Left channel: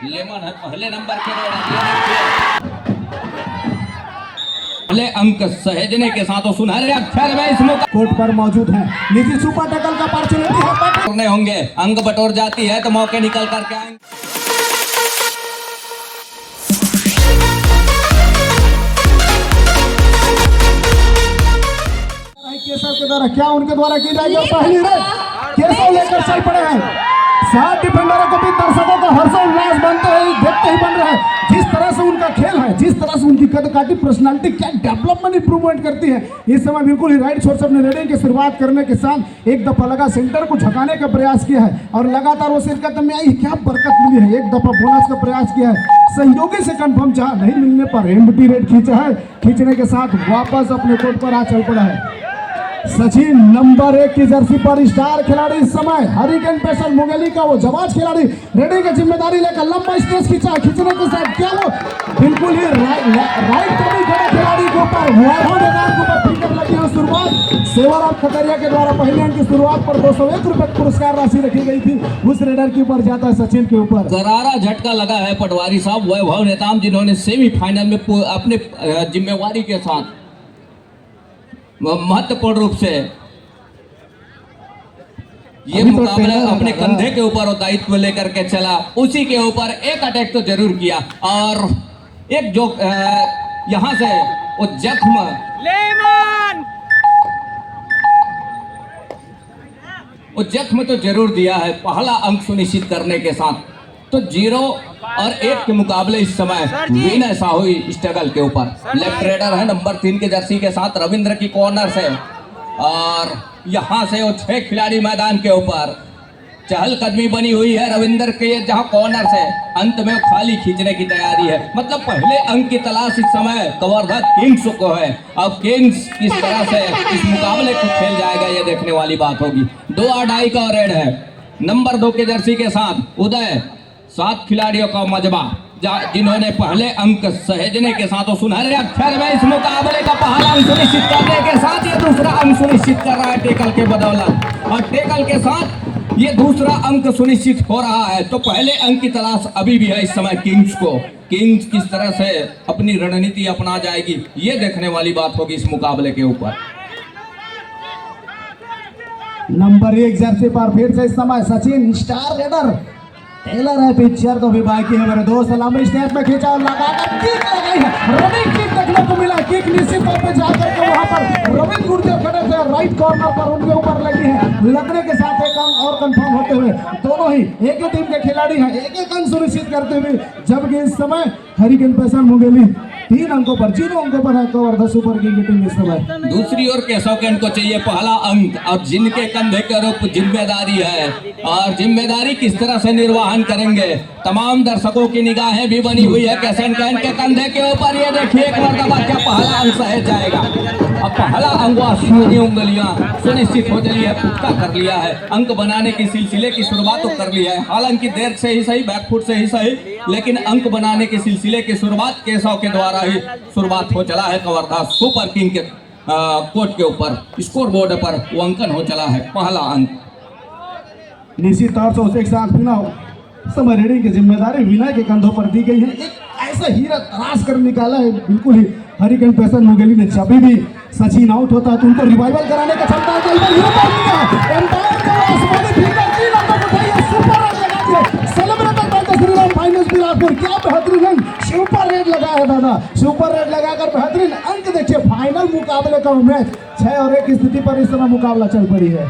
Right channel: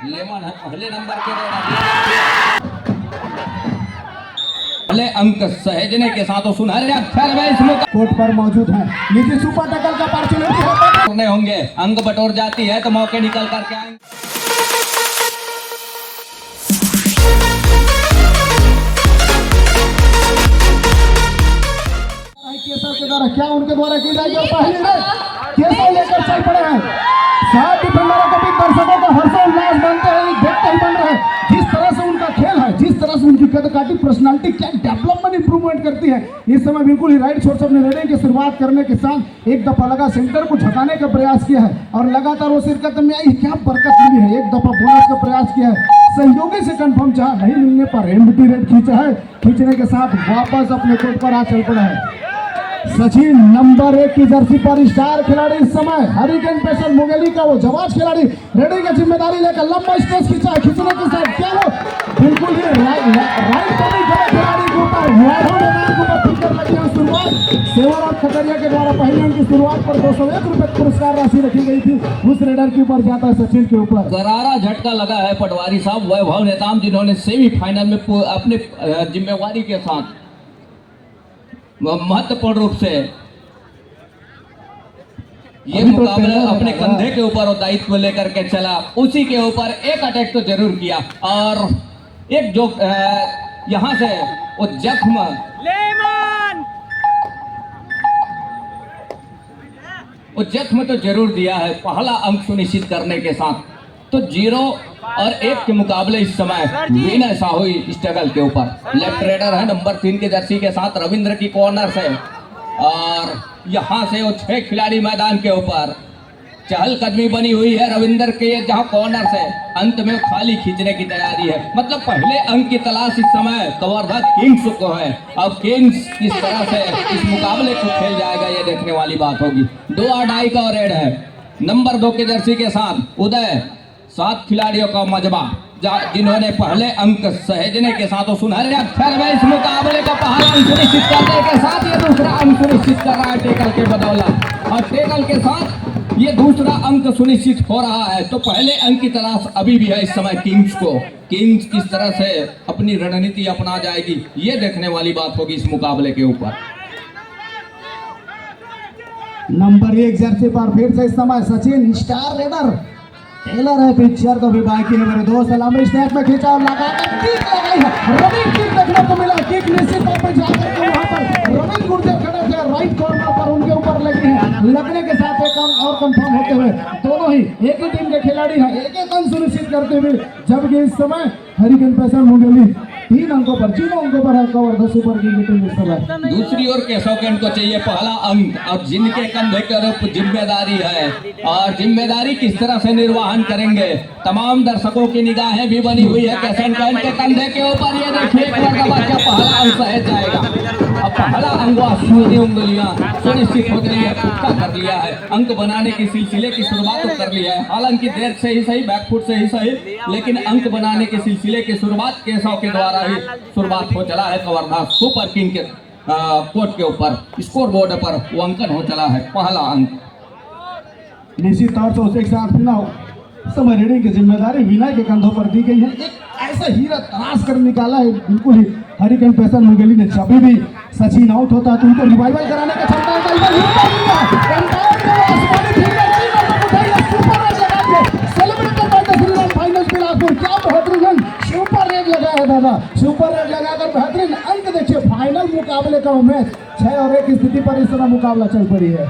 Lemon है पहले number के पहले अंक सहेजने के साथ सुनहरे अक्षर में इस कोर्ट पर मौजूद है। नीचे सुपर टैकल का अपॉर्चुनिटी है, करने होंगे। अंक बटोर जाती है तो मौके निकल करके आएंगे। केसर के द्वारा क्या उनके द्वारा की जाएगी पहली रेड केसर लेकर चल पड़े हैं। सात डिफेंडरों के बीच दर्शकों का हर्षोल्लास बनते हैं, देखते ही बन रहे हैं। जिस तरह से उनका खेल है, जिस तरह से उनकी कदकाठी पर्सनालिटी क्या डेवलपमेंट इंप्रूवमेंट करती है। इस समय बिल्कुल ही राइट छोर से अपनी रेडिंग की शुरुआत करने के साथ एक दफा लगा सेंटर को झकाने का प्रयास किया है और लगातार वो शिरकत में आई। क्या बरकत मिली है, एक दफा बोनस का प्रयास किया है। सहयोगी से कंफर्म जहां नहीं मिलने पर एम्प्टी रेड खींचा है, खींचने के साथ वापस अपने कोर्ट पर आ चल पड़ा है। सचिन नंबर 1 की जर्सी पर स्टार खिलाड़ी इस समय हरिकेन पेशर मुंगेली का वो जवाज खिलाड़ी रेडी की जिम्मेदारी लेकर लंबा स्ट्रेस खींचा, खींचने के साथ क्या वो बिल्कुल ही राइट कमी खड़े खिलाड़ी के ऊपर वैभव मैदान के ऊपर फिकर लगी है। शुरुआत सेवाराम खतरिया के द्वारा पहले अंक की शुरुआत पर 201 रुपए पुरस्कार राशि रखी गई थी। उस रेडर के ऊपर जाता है सचिन के ऊपर। करारा झटका लगा है पटवारी साहब वैभव नेताम, जिन्होंने सेमीफाइनल में अपने जिम्मेवारी के साथ महत्वपूर्ण रूप से ये मुकाबला अपने कंधे के ऊपर दायित्व लेकर के चला। उसी के ऊपर एक अटैक तो जरूर किया और एक जो यहां से वो जख्म वो जख्म तो जरूर दिया है पहला अंक सुनिश्चित करने के साथ। तो 0 और 1 के मुकाबले इस समय विन ऐसा हुई स्ट्रगल के ऊपर। लेफ्ट रेडर है नंबर 3 के जर्सी के साथ रविंद्र की कॉर्नर से और यहां से वो 6 खिलाड़ी मैदान के ऊपर। चहलकदमी बनी हुई है रविंद्र के जहां कॉर्नर से अंत में खाली खींचने की तैयारी है। मतलब पहले अंक की तलाश इस समय कवर्धा किंग्स को है। अब किंग्स किस तरह से इस मुकाबले को खेल जाएगा ये देखने वाली बात होगी। 2 और 2.5 का रेड है नंबर 2 के जर्सी के साथ उदय। 7 खिलाड़ियों का मजबा जिन्होंने पहले अंक सहेजने के साथ सुनहरे अक्षर में इस मुकाबले का पहला अंक सुनिश्चित करने के साथ ये दूसरा अंक सुनिश्चित कर रहा है टेकल के बदौलत। और टेकल के साथ ये दूसरा अंक सुनिश्चित हो रहा है। तो पहले अंक की तलाश अभी भी है इस समय किंग्स को। किंग्स किस तरह से अपनी रणनीति अपना जाएगी ये देखने वाली बात होगी इस मुकाबले के ऊपर। नंबर 1 जर्सी पर फिर से इस समय सचिन स्टार रेडर टेलर है। पिक्चर तो भी बाकी है मेरे दोस्त। लंबे स्नैप में खींचा और लगाकर किक लगाई है। रविंद्र किक देखने को मिला। किक निश्चित तौर पे जाकर के वहां पर रविंद्र गुर्जर खड़े थे राइट कॉर्नर पर, उनके ऊपर लगी है। लगने के साथ एक अंक और कंफर्म होते हुए दोनों ही एक ही टीम के खिलाड़ी हैं एक अंक सुनिश्चित करते हुए। जबकि इस समय हरिकेन पेशर मुंगेली 3 अंकों पर 0 अंकों पर है कवर्धा सुपर किंग की टीम इस समय। दूसरी ओर केशव कैंट को चाहिए पहला अंक और जिनके कंधे के जिम्मेदारी है और जिम्मेदारी किस तरह से निर्वहन करेंगे। तमाम दर्शकों की निगाहें भी बनी हुई है केशव कैंट के कंधे के ऊपर। ये देखिए एक मरतबा क्या पहला अंक सहज जाएगा। अब पहला अंक उंगलियां सुनिश्चित हो गई है, पुख्ता कर लिया है। अंक बनाने की सिलसिले की शुरुआत तो कर लिया है, हालांकि देर से ही सही, बैकफुट से ही सही, लेकिन अंक बनाने के सिलसिले की शुरुआत केशव के द्वारा ही शुरुआत हो चला है। कवर्धा सुपर किंग के कोर्ट के ऊपर स्कोर बोर्ड पर वो अंकन हो चला है पहला अंक। निश्चित तौर से उसे एक साथ मिला समय रेडिंग की जिम्मेदारी विनय के कंधों पर दी गई है। एक ऐसा हीरा तराश कर निकाला है बिल्कुल ही हरिकेन पेशर मुंगेली ने। जब भी सचिन आउट होता है तो उनको रिवाइवल कराने का क्षमता है। क्या बेहतरीन रन सुपर रेड लगा है दादा, सुपर रेड लगाकर बेहतरीन अंक। देखिए फाइनल मुकाबले का मैच 6 और 1 की स्थिति पर इस तरह मुकाबला चल पड़ी है।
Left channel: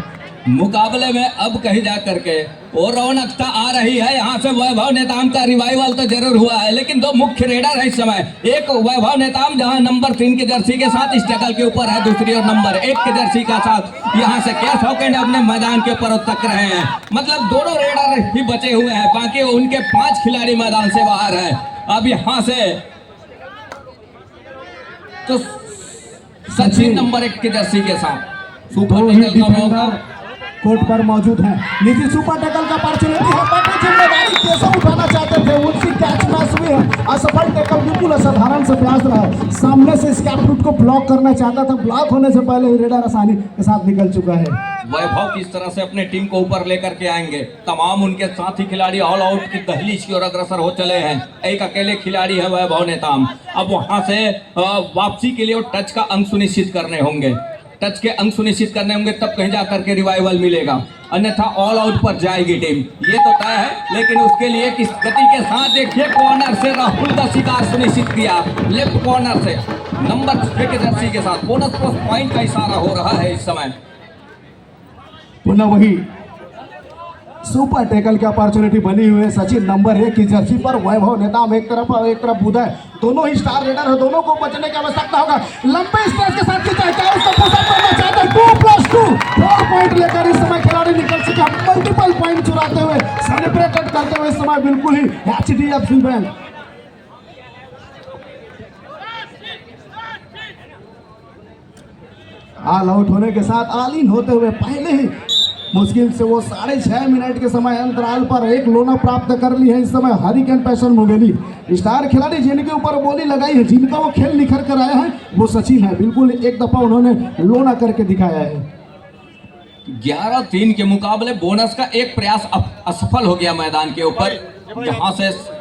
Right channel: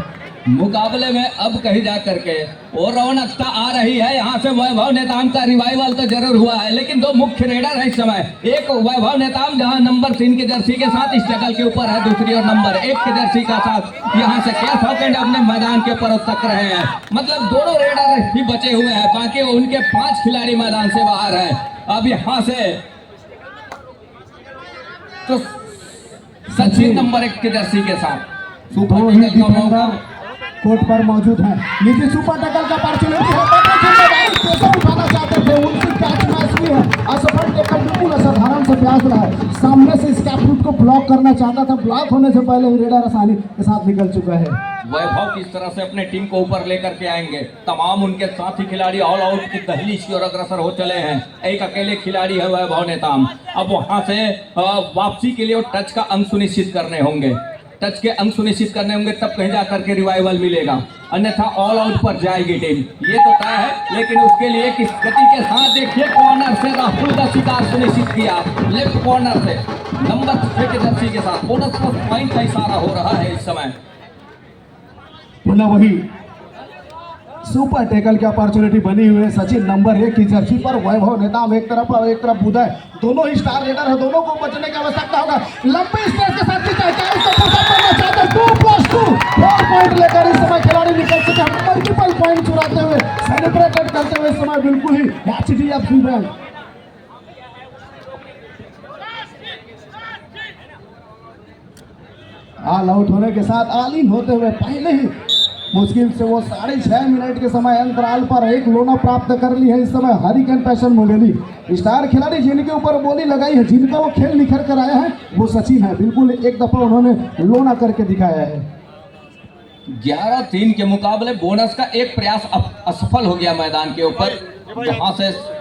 मुकाबले में अब कहीं जा करके और रौनकता आ रही है। यहाँ से वैभव नेताम का रिवाइवल तो जरूर हुआ है, लेकिन 2 मुख्य रेडर है इस समय। एक वैभव नेताम जहाँ नंबर 3 के जर्सी के साथ स्ट्रगल के ऊपर है, दूसरी और नंबर 1 के जर्सी का साथ यहाँ से केशव कैंट अपने मैदान के ऊपर तक रहे हैं। मतलब दोनों रेडर ही बचे हुए हैं, बाकी उनके 5 खिलाड़ी मैदान से बाहर है। अब यहाँ से तो सचिन नंबर 1 के जर्सी के साथ सुपर टेकल का मौका कोर्ट पर मौजूद है। नीचे सुपर टैकल का अपॉर्चुनिटी है। जिम्मेदारी केशव उठाना चाहते थे, उनकी कैच मैच हुई है। असफल टैकल बिल्कुल असाधारण से प्रयास रहा है। सामने से स्कैप फुट को ब्लॉक करना चाहता था, ब्लॉक होने से पहले ही रेडर आसानी के साथ निकल चुका है। वैभव किस तरह से अपने टीम को ऊपर लेकर के आएंगे। तमाम उनके साथी खिलाड़ी ऑल आउट की दहलीज की ओर अग्रसर हो चले हैं। एक अकेले खिलाड़ी है वैभव नेताम। अब वहां से वापसी के लिए वो टच का अंक सुनिश्चित करने होंगे। टच के अंक सुनिश्चित करने होंगे, तब कहीं जाकर के रिवाइवल मिलेगा, अन्यथा ऑल आउट पर जाएगी टीम, ये तो तय है। लेकिन उसके लिए किस गति के साथ देखिए, कॉर्नर से राहुल का शिकार सुनिश्चित किया, लेफ्ट कॉर्नर से नंबर 6 के जर्सी के साथ बोनस प्लस पॉइंट का इशारा हो रहा है इस समय। पुनः वही सुपर टैकल की अपॉर्चुनिटी बनी हुई है सचिन नंबर 1 की जर्सी पर। वैभव नेताम एक तरफ और एक तरफ उदय, दोनों ही स्टार रेडर है, दोनों को बचने की आवश्यकता होगा। लंबे स्ट्रेच के साथ खींचा, क्या उसको पुशअप करना चाहते हैं? 2+2 4 पॉइंट लेकर इस समय खिलाड़ी निकल चुके हैं, मल्टीपल पॉइंट चुराते हुए, सेलिब्रेट करते हुए इस समय बिल्कुल ही HDFC बैंक। ऑल आउट होने के साथ ऑल इन होते हुए पहले ही मुश्किल से वो 6.5 मिनट के समय अंतराल पर एक लोना प्राप्त कर ली है इस समय हरिकेन पैशन मुंगेली। स्टार खिलाड़ी जिनके ऊपर बोली लगाई है, जिनका वो खेल निखर कर आए हैं, वो सचिन है। बिल्कुल एक दफा उन्होंने लोना करके दिखाया है। 11-3 के मुकाबले बोनस का एक प्रयास असफल हो गया मैदान के ऊपर। वहां से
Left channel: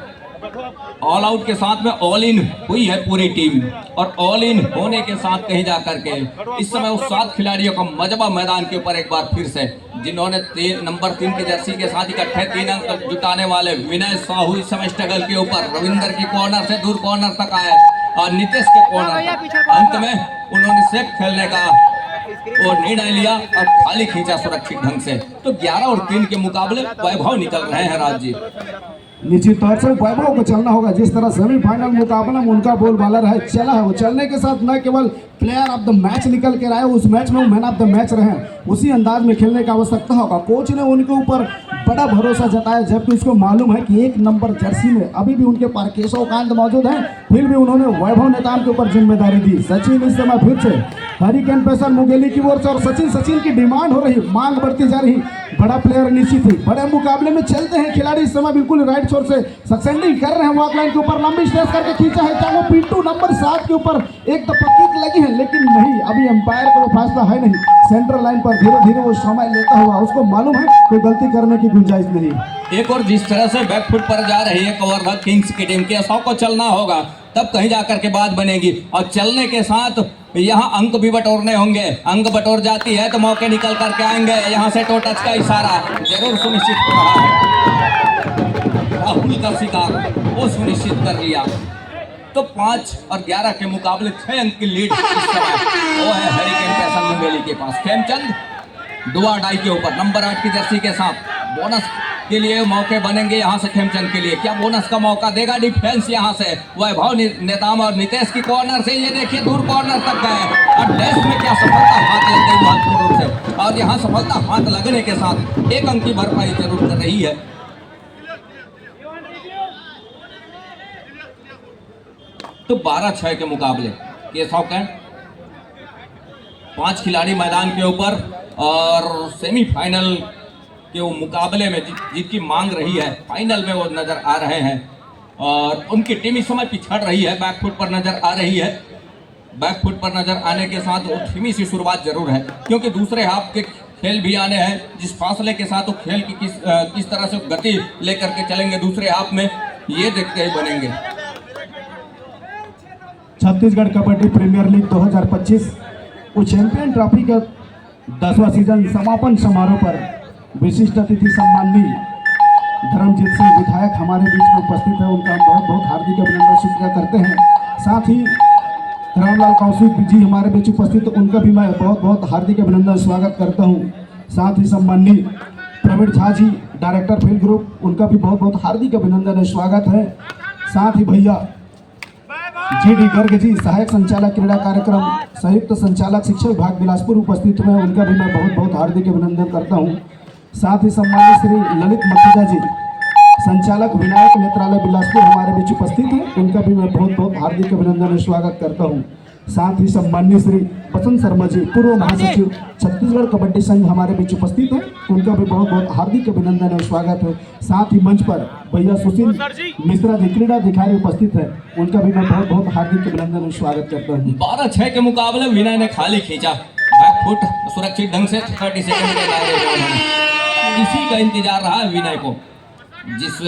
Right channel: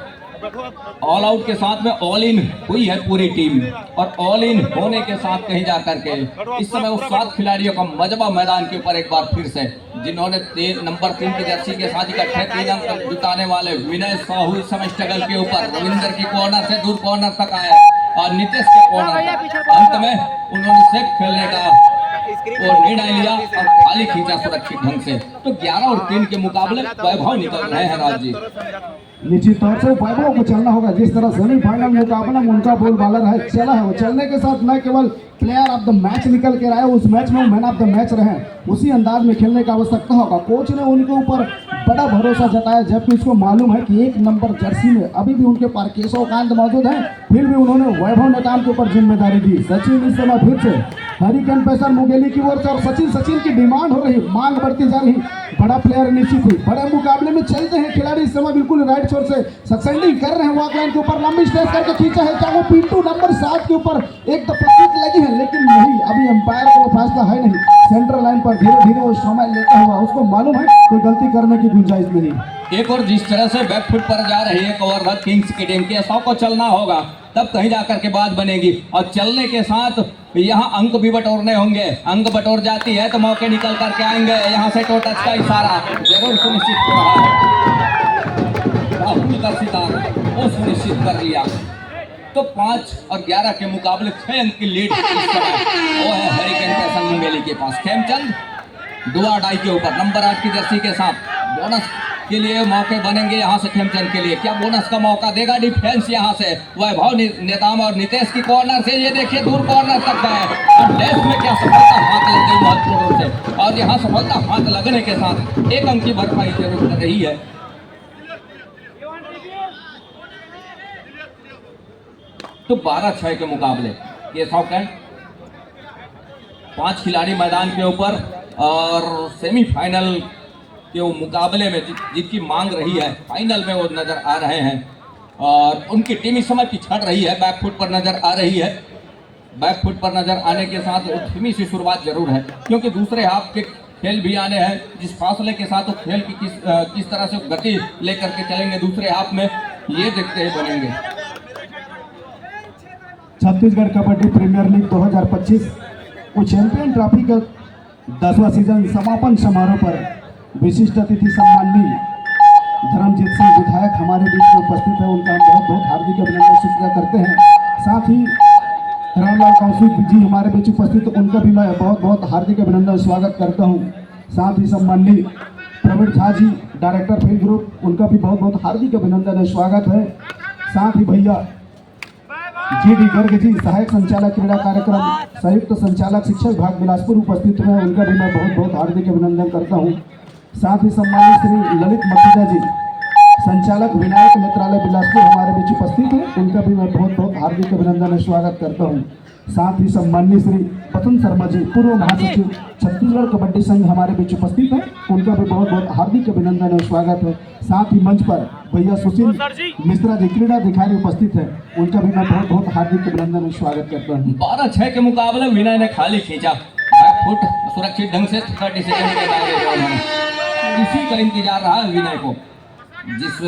ऑल आउट के साथ में ऑल इन हुई है पूरी टीम, और ऑल इन होने के साथ कहीं जाकर के इस समय उस 7 खिलाड़ियों का मजबा मैदान के ऊपर एक बार फिर से, जिन्होंने नंबर 3 की जर्सी के साथ इकट्ठे 3 अंक जुटाने वाले विनय साहू इस समय स्ट्रगल के ऊपर रविंदर की कॉर्नर से दूर कॉर्नर तक आए और नितेश के कॉर्नर तक। अंत में उन्होंने सेफ खेलने का और निर्णय लिया और खाली खींचा सुरक्षित ढंग से। तो 11 और 3 के मुकाबले वैभव निकल रहे हैं राज जी। निश्चित तौर से वैभव को चलना होगा। जिस तरह सेमीफाइनल मुकाबला में उनका बोल बालर है चला है, वो चलने के साथ न केवल प्लेयर ऑफ द मैच निकल के आए, उस मैच में मैन ऑफ द मैच रहे, उसी अंदाज में खेलने की आवश्यकता होगा। कोच ने उनके ऊपर बड़ा भरोसा जताया, जबकि उसको मालूम है कि 1 नंबर जर्सी में अभी भी उनके पास केशव कांत मौजूद है, फिर भी उन्होंने वैभव नेताम के ऊपर जिम्मेदारी दी। सचिन इस समय फिर से हरिकेन पैसन मुंगेली की ओर से, और सचिन की डिमांड हो रही, मांग बढ़ती जा रही, बड़ा प्लेयर निश्चित हुई। बड़े मुकाबले में चलते हैं खिलाड़ी इस समय, बिल्कुल राइट शोर से सक्सेंडिंग कर रहे हैं, वॉक लाइन के ऊपर लंबी स्ट्रेच करके खींचा है, क्या वो पिंटू नंबर 7 के ऊपर एक दफा लगी है, लेकिन नहीं, अभी एम्पायर का वो फैसला है नहीं। सेंट्रल लाइन पर धीरे धीरे वो समय लेता हुआ, उसको मालूम है कोई गलती करने की गुंजाइश नहीं। एक और जिस तरह से बैकफुट पर जा रही है कवर्धा किंग्स की टीम के, 100 को चलना होगा, तब कहीं जाकर के बात बनेगी। और चलने के साथ यहाँ अंक भी बटोरने होंगे। अंक बटोर जाती है तो मौके निकल करके आएंगे। यहाँ से टो टच का इशारा जरूर सुनिश्चित हो रहा है। राहुल का शिकार वो सुनिश्चित कर लिया। तो 5 और 11 के मुकाबले 6 अंक की लीड इस समय वो है हरिकेन पैसन मुंगेली के पास। खेमचंद डुआ डाई के ऊपर नंबर 8 की जर्सी के साथ बोनस के लिए मौके बनेंगे यहाँ से खेमचंद के लिए। क्या बोनस का मौका देगा डिफेंस यहाँ से? वैभव नेताम और नितेश की कॉर्नर से, ये देखिए दूर कॉर्नर तक गए और डैश में क्या सफलता हाथ लग गई महत्वपूर्ण रूप से, और यहाँ सफलता हाथ लगने के साथ 1 अंक की भरपाई जरूर कर रही है। तो 12-6 के मुकाबले केशव कैंट 5 खिलाड़ी मैदान के ऊपर, और सेमीफाइनल के वो मुकाबले में जिनकी मांग रही है, फाइनल में वो नजर आ रहे हैं, और उनकी टीम इस समय पिछड़ रही है, बैकफुट पर नजर आ रही है। बैकफुट पर नजर आने के साथ वो धीमी सी शुरुआत जरूर है, क्योंकि दूसरे हाफ के खेल भी आने हैं। जिस फासले के साथ वो खेल की किस तरह से गति लेकर के चलेंगे दूसरे हाफ में, ये देखते ही बनेंगे। छत्तीसगढ़ कबड्डी प्रीमियर लीग 2025 को चैंपियन ट्रॉफी का 10वां सीजन समापन समारोह पर विशिष्ट अतिथि सम्माननीय धर्मजीत सिंह विधायक हमारे बीच में उपस्थित है। उनका हम बहुत बहुत हार्दिक अभिनंदन स्वीकार करते हैं। साथ ही रामलाल कौशिक जी हमारे बीच उपस्थित, उनका भी मैं बहुत बहुत हार्दिक अभिनंदन स्वागत करता हूं। साथ ही सम्माननीय Praveen Jha ji director field group, उनका भी बहुत बहुत हार्दिक अभिनंदन स्वागत है। साथ ही भैया GD गर्ग जी सहायक संचालक क्रीड़ा कार्यक्रम संयुक्त संचालक शिक्षा विभाग बिलासपुर उपस्थित हुए, उनका भी मैं बहुत बहुत हार्दिक अभिनंदन करता हूं। साथ ही सम्मानित श्री ललित मखीजा जी संचालक विनायक नेत्रालय बिलासपुर हमारे बीच उपस्थित हैं, उनका भी मैं बहुत बहुत हार्दिक अभिनंदन और स्वागत करता हूं। साथ ही सम्मानित श्री बसंत शर्मा जी पूर्व महासचिव छत्तीसगढ़ कबड्डी संघ हमारे बीच उपस्थित हैं, उनका भी बहुत बहुत हार्दिक अभिनंदन और स्वागत है। साथ ही मंच पर भैया सुशील मिश्रा जी क्रीड़ा अधिकारी उपस्थित है, उनका भी मैं बहुत बहुत हार्दिक अभिनंदन और स्वागत करता हूँ। 12-6 के मुकाबले विनय ने खाली खींचा। फुट सुरक्षित ढंग से 30 सेकंड के दायरे में हैं। इसी का इंतजार रहा है विनय को, जिस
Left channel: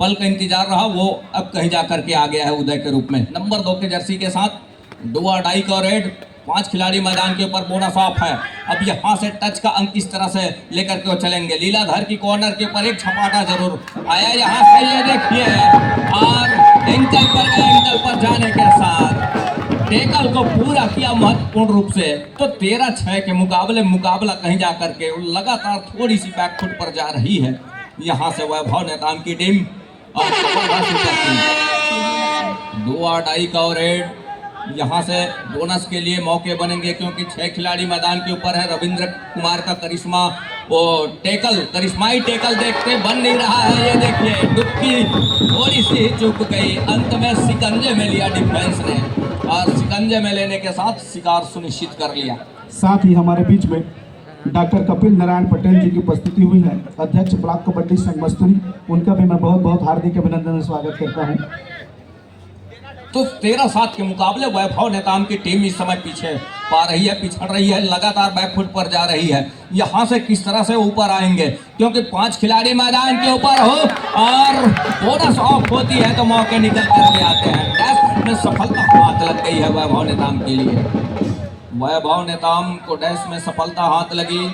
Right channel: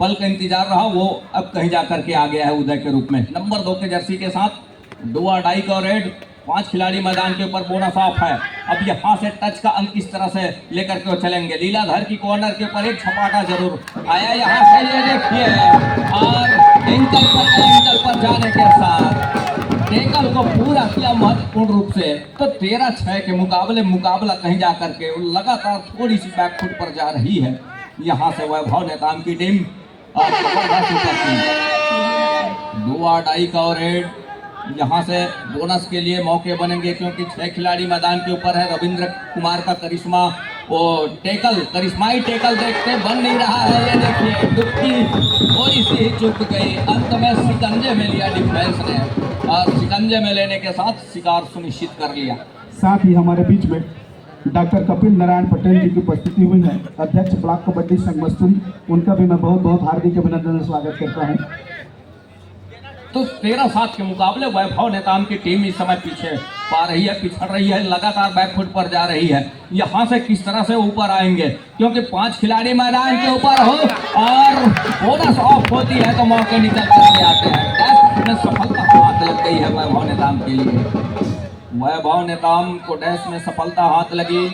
पल का इंतजार रहा वो अब कहीं जा करके आ गया है उदय के रूप में। नंबर 2 के जर्सी के साथ दो अढ़ाई का रेड, 5 खिलाड़ी मैदान के ऊपर बोनस ऑफ है। अब यहाँ से टच का अंक किस तरह से लेकर के वो चलेंगे। लीलाधर की कॉर्नर के ऊपर एक छपाटा जरूर आया यहाँ से, ये देखिए, और एंकल पर जाने के साथ टेकल को पूरा किया महत्वपूर्ण रूप से। तो 13-6 के मुकाबला कहीं जा करके लगातार थोड़ी सी बैकफुट पर जा रही है। यहाँ से वैभव नेताम की टीम और दो अढ़ाई का रेड, यहाँ से बोनस के लिए मौके बनेंगे क्योंकि 6 खिलाड़ी मैदान के ऊपर है। रविंद्र कुमार का करिश्मा वो करिश्माई टेकल देखते बन नहीं रहा है। ये देखिए डुबकी थोड़ी सी चुक गई, अंत में शिकंजे में लिया डिफेंस ने और शिकंजे में लेने के साथ शिकार सुनिश्चित कर लिया। साथ ही हमारे बीच में डॉक्टर कपिल नारायण पटेल जी की उपस्थिति हुई है, अध्यक्ष ब्लॉक कबड्डी संघ मस्तूरी। उनका भी मैं बहुत बहुत हार्दिक अभिनंदन और स्वागत करता हूं। तो 13-7 के मुकाबले वैभव नेताम की टीम इस समय पीछे पा रही है, पिछड़ रही है, लगातार बैकफुट पर जा रही है। यहाँ से किस तरह से ऊपर आएंगे क्योंकि 5 खिलाड़ी मैदान के ऊपर हो और बोनस ऑफ होती है तो मौके निकल करके आते हैं। डैश में सफलता हाथ लग गई है वैभव नेताम के लिए। वैभव नेताम को डैश में सफलता हाथ लगी।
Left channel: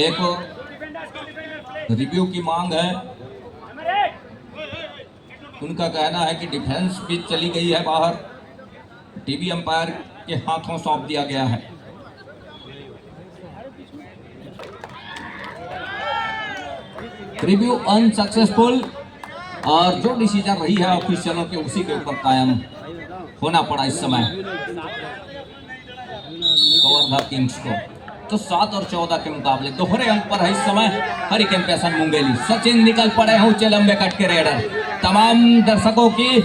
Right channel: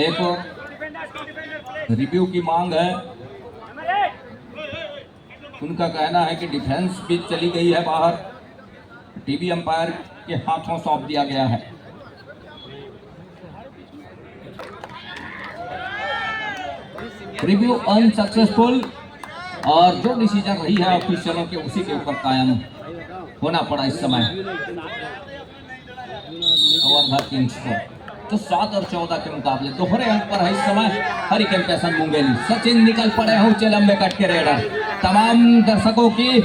एक रिव्यू की मांग है, उनका कहना है कि डिफेंस भी चली गई है बाहर, टीवी अंपायर के हाथों सौंप दिया गया है। रिव्यू अनसक्सेसफुल और जो डिसीजन रही है ऑफिशियलों के उसी के ऊपर कायम होना पड़ा इस समय कवर्धा किंग्स को। तो 7 और 14 के मुकाबले दोहरे अंक पर है इस समय हरिकेन पैसन मुंगेली। सचिन निकल पड़े हैं ऊंचे लंबे कट के रेडर। तमाम दर्शकों की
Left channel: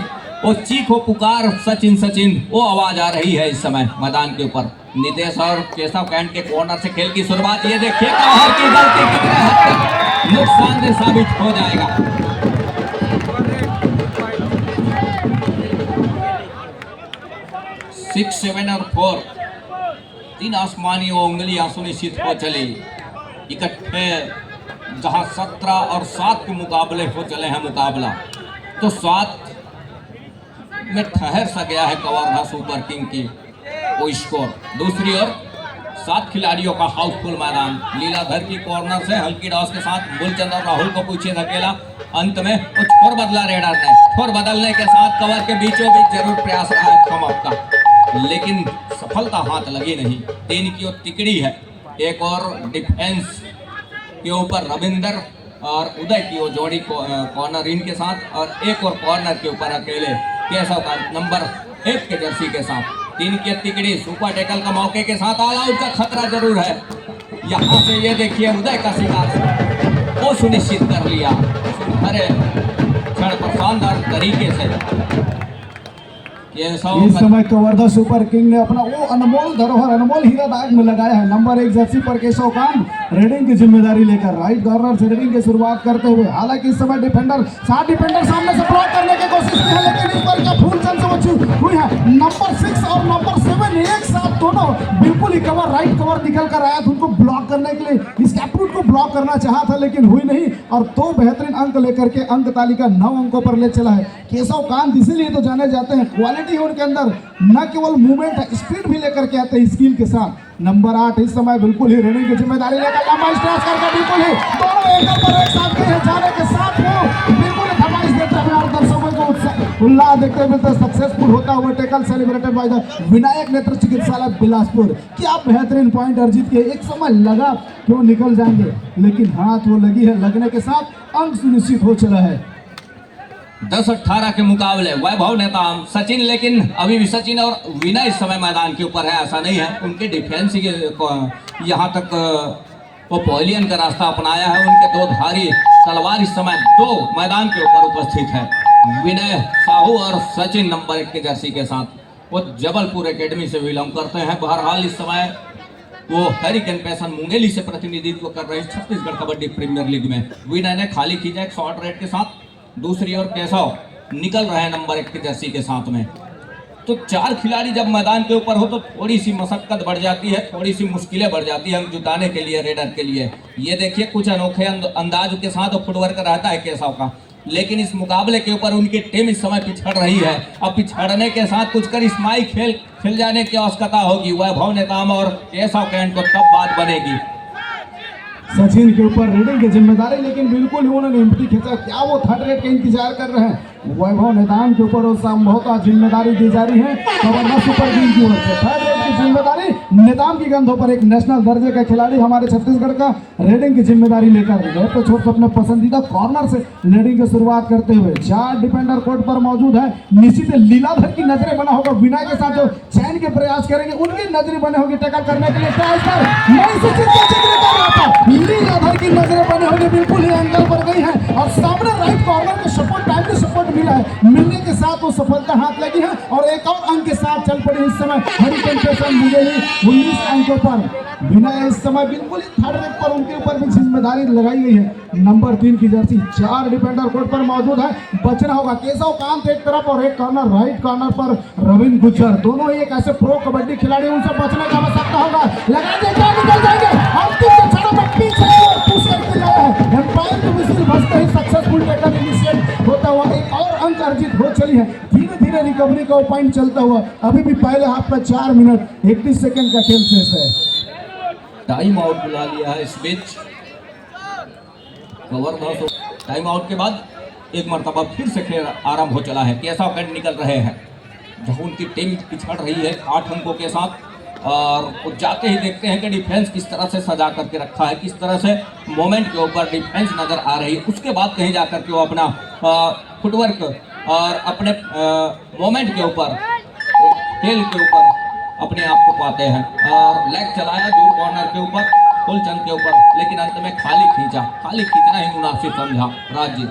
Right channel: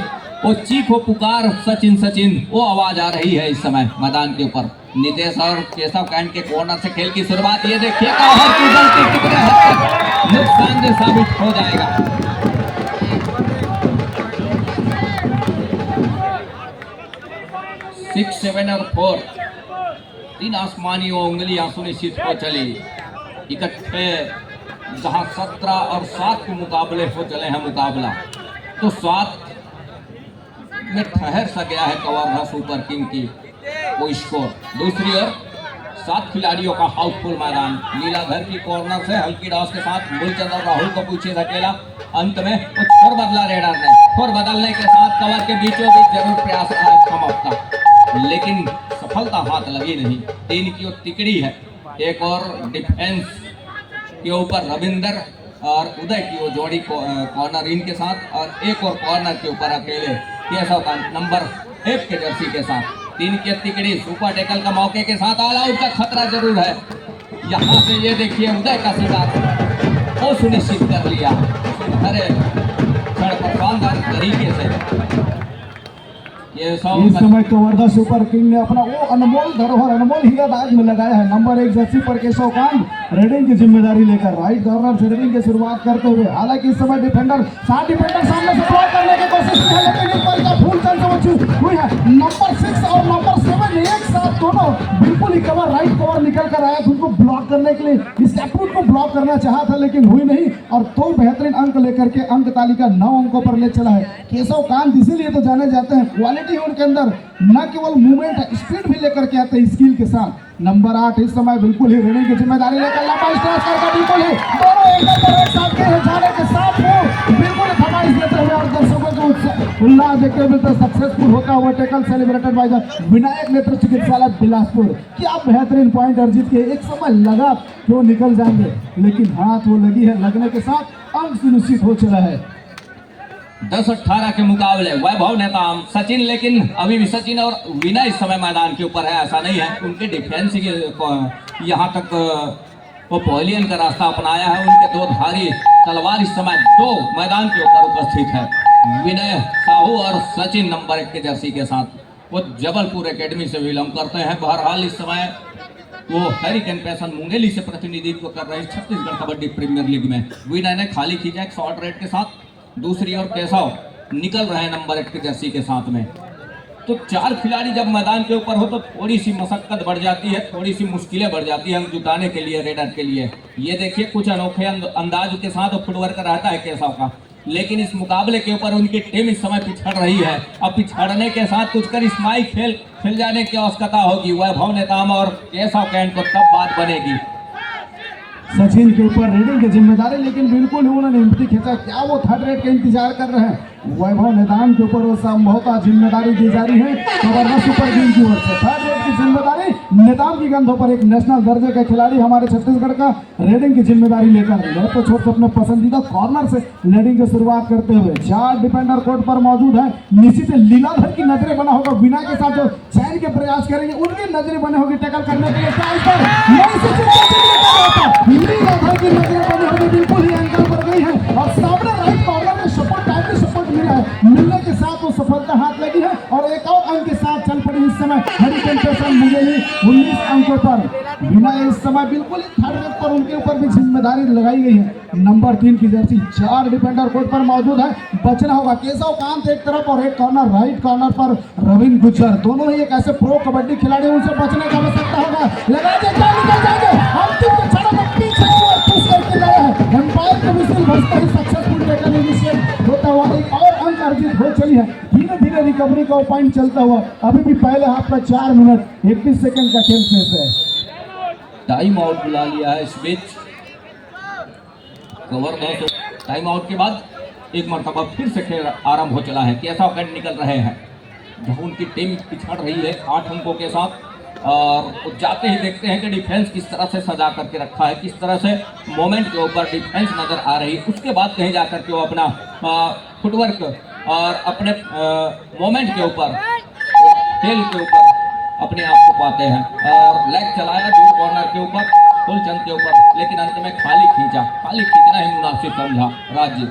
वो चीखो पुकार सचिन सचिन वो आवाज आ रही है इस समय मैदान के ऊपर। नितेश और केशव कैंट के कॉर्नर से खेल की शुरुआत, ये देखिए हर की गलती कितने हद तक नुकसानदेह साबित हो जाएगा। 6, 7 और 4 3 आसमानी उंगलियां सुनिश्चित हो चली इकट्ठे, जहां 17 और 7 के मुकाबले हो चले हैं मुकाबला। तो 7 में ठहर सा गया है कवर्धा सुपर किंग की वो स्कोर। दूसरी ओर 7 खिलाड़ियों का हाउसफुल मैदान। लीलाधर की कॉर्नर से हल्की डॉस के साथ मूलचंद और राहुल को पीछे धकेला। अंत में कुछ छोर बदला रेडर ने, छोर बदलने के साथ कवर के बीचों बीच जरूर प्रयास रहा कम अप का, लेकिन सफलता हाथ लगी नहीं। 3 की ओर तिकड़ी है, एक और डिफेंस के ऊपर रविंदर और उदय की वो जोड़ी कॉर्नर इन के साथ, और एक और कॉर्नर के ऊपर अकेले केशव का नंबर 1 के जर्सी के साथ। 3 की तिकड़ी सुपर टैकल का मौके के साथ ऑल आउट का खतरा जरूर है। यहाँ से ये देखिए उदय का शिकार वो सुनिश्चित कर लिया अरे क्षण पर शानदार तरीके से। इस समय कवर्धा सुपर किंग ने अपना वो अनमोल धरोहर अनमोल हीरा बैग में लगाया है। नंबर 1 जर्सी पर केशव कांत रेडिंग की जिम्मेदारी लेकर राइट कॉर्नर से रेडिंग की शुरुआत करते हुए, हालांकि इस समय डिफेंडर 7 डिफेंडर सामने से ब्लॉक करने की कोशिश की है, लेकिन इस बार का फूल चल से बची हुई है। नंबर 6 और नंबर 7 एक साथ दोनों बिल्कुल ही कवर राइट कवर निकल कर आया था उनको ब्लॉक करने के लिए। इस टैपरूट को ब्लॉक करना चाहा था लेकिन हुई नहीं, और 2 बेहतरीन अंक लेकर के अंक तालिका 9 अंकों पर ले चला है केशव कांत। इसीलिए तो जाने जाते हैं, क्वालिटी है उनके अंदर, न केवल मूवमेंट स्पीड भी लेकर के आते हैं स्किल के साथ। नंबर 8 इस समय बिल्कुल ही रेडिंग की जिम्मेदारी लेकर लंबा स्ट्रेस करके बिल्कुल ही दोनों एंगल पर एक साथ गए हैं, जाने के साथ वो बिल्कुल फरमाइश देते हुए और दर्शकों को उल्लास देखते हुए तो सक्सेसफुल होता हुआ tackle celebrated by the Vinayak नेत्र चिकित्सालय बिलासपुर। क्या बेहतरीन पॉइंट अर्जित किए। एक समय लगा कि वो निकल जाएंगे, लेकिन हाथ वो लगी है, लगने के साथ अंक सुनिश्चित हो चला है। 10-18 के मुकाबले वैभव नेताम सचिन, लेकिन अभी भी सचिन और विनय इस समय मैदान के ऊपर है, ऐसा नहीं है। उनके डिफेंस के यहाँ तक वो पवेलियन का रास्ता अपनाया है। उनके 2 धारी तलवार इस समय 2 मैदान के ऊपर उपस्थित है। विनय साहू और सचिन नंबर 1 के जर्सी के साथ वो जबलपुर एकेडमी से बिलोंग करते हैं। बहरहाल इस समय वो हरिकेन पैसन मुंगेली से प्रतिनिधित्व कर रहे हैं छत्तीसगढ़ कबड्डी प्रीमियर लीग में। विनय ने खाली खींचा एक शॉर्ट रेड के साथ, दूसरी ओर केशव निकल रहे हैं नंबर 1 के जर्सी के साथ में। तो 4 खिलाड़ी जब मैदान के ऊपर हो तो थोड़ी सी मशक्कत बढ़ जाती है, थोड़ी सी मुश्किलें बढ़ जाती है अंक जुटाने के लिए रेडर के लिए। ये देखिए कुछ अनोखे अंदाज के साथ फुटवर्क रहता है केशव का, लेकिन इस मुकाबले के ऊपर उनकी टीम इस समय पिछड़ रही है। अब पिछड़ने के साथ कुछ करिश्माई खेल खिल जाने की आवश्यकता होगी वैभव नेताम और केशव कैंट को, तब बात बनेगी। सचिन के ऊपर रेडिंग की जिम्मेदारी, लेकिन बिल्कुल ही उन्होंने एम्प्टी खींचा। क्या वो थर्ड रेड का इंतजार कर रहे हैं? वैभव निदान के ऊपर वो संभव का जिम्मेदारी दी जा रही है गवर्नर सुपर टीम की ओर से। थर्ड रेड की जिम्मेदारी निदान की कंधों पर एक नेशनल दर्जे का खिलाड़ी हमारे छत्तीसगढ़ का रेडिंग की जिम्मेदारी लेकर लेफ्ट को छोड़कर अपने पसंदीदा कॉर्नर से रेडिंग की शुरुआत करते हुए 4 डिफेंडर कोर्ट पर मौजूद है। निश्चित लीलाधर की नजरें बना होगा, बिना के साथ जो चैन के प्रयास करेंगे उनकी नजरें बने होगी टैकल करने के लिए। लीलाधर की नजरें बने होगी, बिल्कुल ही एंगल पर गई है और सामने राइट कॉर्नर में सपोर्ट टाइमली सपोर्ट मिला है, मिलने के साथ वो सफलता हाथ लगी है और एक और अंक के साथ चल पड़ी इस समय हरिकेन पेशन मुगेली 19 अंकों पर। बिना इस समय बिल्कुल ही थर्ड रेड पर उनके ऊपर भी जिम्मेदारी लगाई गई है। नंबर 3 की जर्सी 4 डिफेंडर कोर्ट पर मौजूद है। बचना होगा केशव कांत एक तरफ और एक कॉर्नर राइट कॉर्नर पर रविंद्र गुज्जर, दोनों ही एक ऐसे प्रो कबड्डी खिलाड़ी, उनसे बचने का आवश्यकता होगा। लगा के क्या निकल जाएंगे अंतिम के क्षणों में पीछे और पुश करके लाया है। एम्पायर को मिसिल बचते ही सक्सेसफुल टैकल इनिशिएट होता हुआ एक और अंक अर्जित हो चली है। धीरे धीरे रिकवरी का पॉइंट चलता हुआ अभी भी पहले हाफ का 4 मिनट 31 सेकंड का खेल शेष है। टाइम आउट बुला लिया है इस बीच गवर्नर। टाइम आउट के बाद एक मरतबा फिर से खेल आरंभ हो चला है। केशव कैंट निकल रहे हैं जब उनकी टीम पिछड़ रही है 8 अंकों के साथ, और वो जाते ही देखते हैं कि डिफेंस किस तरह से सजा करके रखा है, किस तरह से मोमेंट के ऊपर डिफेंस नजर आ रही है। उसके बाद कहीं जा करके वो अपना फुटवर्क और अपने मोमेंट के ऊपर, खेल के ऊपर अपने आप को पाते हैं। और लेग चलाया दूर कॉर्नर के ऊपर, फुलचंद के ऊपर, लेकिन अंत में खाली खींचा। खाली खींचना ही मुनासिब समझा राज्य।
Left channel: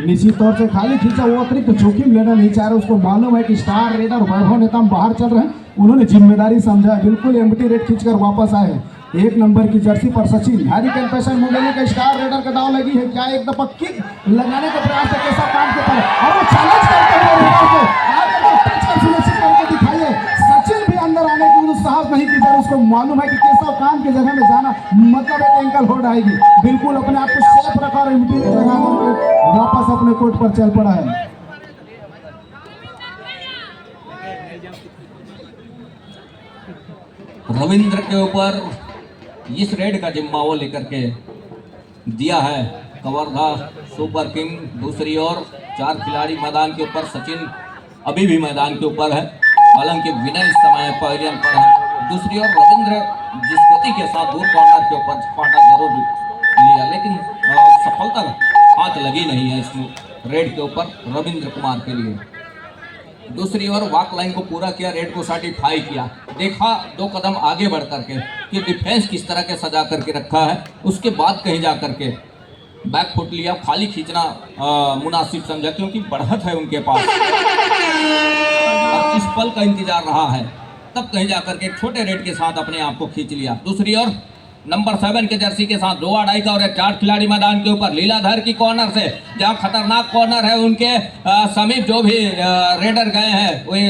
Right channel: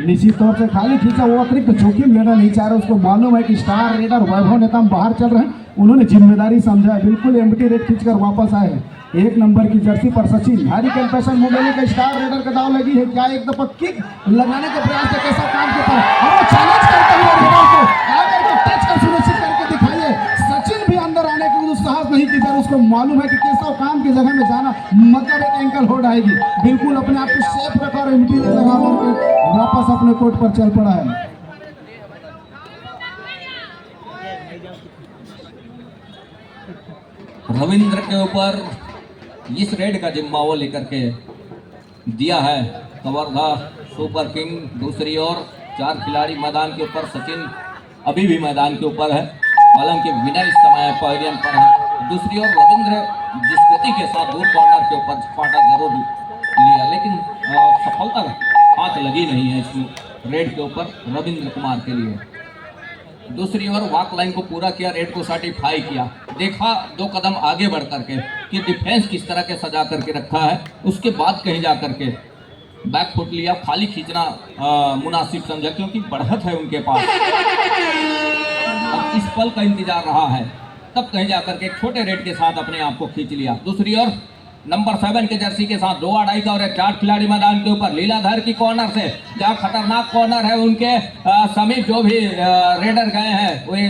निश्चित तौर से खाली खींचा, वो अतिरिक्त जोखिम लेना नहीं चाह रहे। उसको मालूम है कि स्टार रेडर वैभव नेताम बाहर चल रहे हैं, उन्होंने जिम्मेदारी समझा, बिल्कुल एम्प्टी रेड खींचकर वापस आए हैं। 1 नंबर की जर्सी पर सचिन, हरिकेन पेशन मुगेली का स्टार रेडर का दाव लगी है। क्या एक दफा किक लगाने का प्रयास है केशव कांत के ऊपर और वो चैलेंज करते हुए रेडर को आकर के टच कर सुनिश्चित करके दिखाइए। सचिन भी अंदर आने की साहस नहीं की, सर उसको मालूम है कि केशव कांत की जगह में जाना मतलब एक एंकल होल्ड आएगी। बिल्कुल अपने आप को सेफ रखा और एम्प्टी रेड लगा करके वापस अपने कोर्ट पर चल पड़ा है। रविंद्र के ऊपर इस रेड का जिम्मा वो लेकर के दिया है कवर्धा सुपर किंग। दूसरी ओर 4 खिलाड़ी मैदान के ऊपर, सचिन अभी भी मैदान के ऊपर है, हालांकि विनय इस समय पवेलियन पर है। दूसरी ओर रविंद्र जिस गति के साथ दूर कॉर्नर के ऊपर फाटा जरूर लिया, लेकिन सफलता हाथ लगी नहीं है इस रेड के ऊपर रविंद्र कुमार के लिए। दूसरी ओर वॉक लाइन को पूरा किया, रेड को सर्टिफाई किया, देखा 2 कदम आगे बढ़ करके कि डिफेंस किस तरह के सजा करके रखा है। उसके बाद कहीं जा करके बैक फुट लिया, खाली खींचना मुनासिब समझा क्योंकि बढ़त है उनके पास। अब इस पल का इंतजार रहा है, तब कहीं जा करके छोटे रेड के साथ अपने आप को खींच लिया। दूसरी ओर नंबर 7 के जर्सी के साथ 2 अढ़ाई का और 4 खिलाड़ी मैदान के ऊपर लीलाधर की कॉर्नर से, जहां खतरनाक कॉर्नर है उनके समीप जो भी रेडर गए हैं वे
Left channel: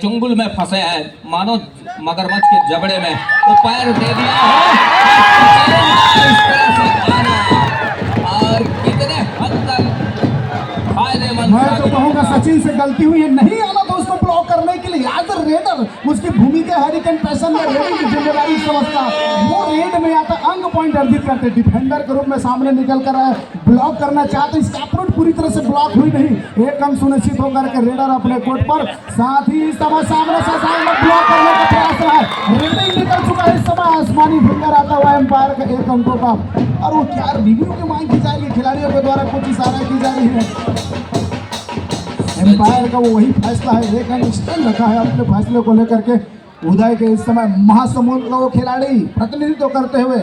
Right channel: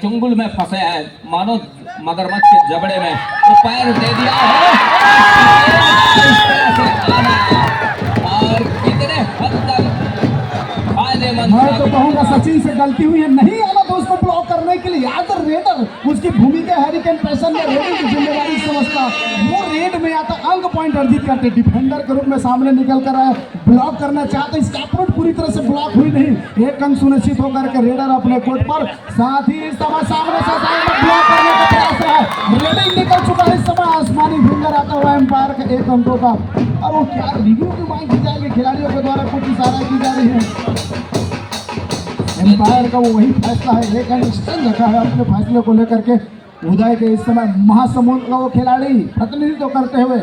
चुंगुल में फंसे हैं, मानो मगरमच्छ के जबड़े में, तो पैर दे दिया है इस तरह से आना और कितने हद तक फायदेमंद। मैं तो कहूँगा सचिन से गलती हुई है, नहीं आना तो उसको ब्लॉक करने के लिए। एज अ रेडर उसकी भूमिका हरिकेन पेशन में रेडिंग की जिम्मेदारी समझता, वो रेड में आता अंक पॉइंट अर्जित करते, डिफेंडर के रूप में सामने निकल कर आए, ब्लॉक करना चाहते, इसका अप्रोच पूरी तरह से ब्लॉक हुई नहीं। एक अंक सुनिश्चित होकर के रेडर अपने कोर्ट पर, साथ ही इस समय सामने से ब्लॉक करने का प्रयास रहा है। रेडिंग निकल चुका है, इस समय आसमानी फिंगर आता हुआ एम्पायर के 1 अंकों का। और वो क्या रिव्यू की मांग की जाएगी, खिलाड़ियों के द्वारा कुछ इशारा की जा रही है। एम्पायर का वो वही फैसला है, एक अंक स्टैंड रखा है अपने फैसले को लेकर के। उदय के इस समय महासमुंद का वो खिलाड़ी प्रतिनिधित्व करते हुए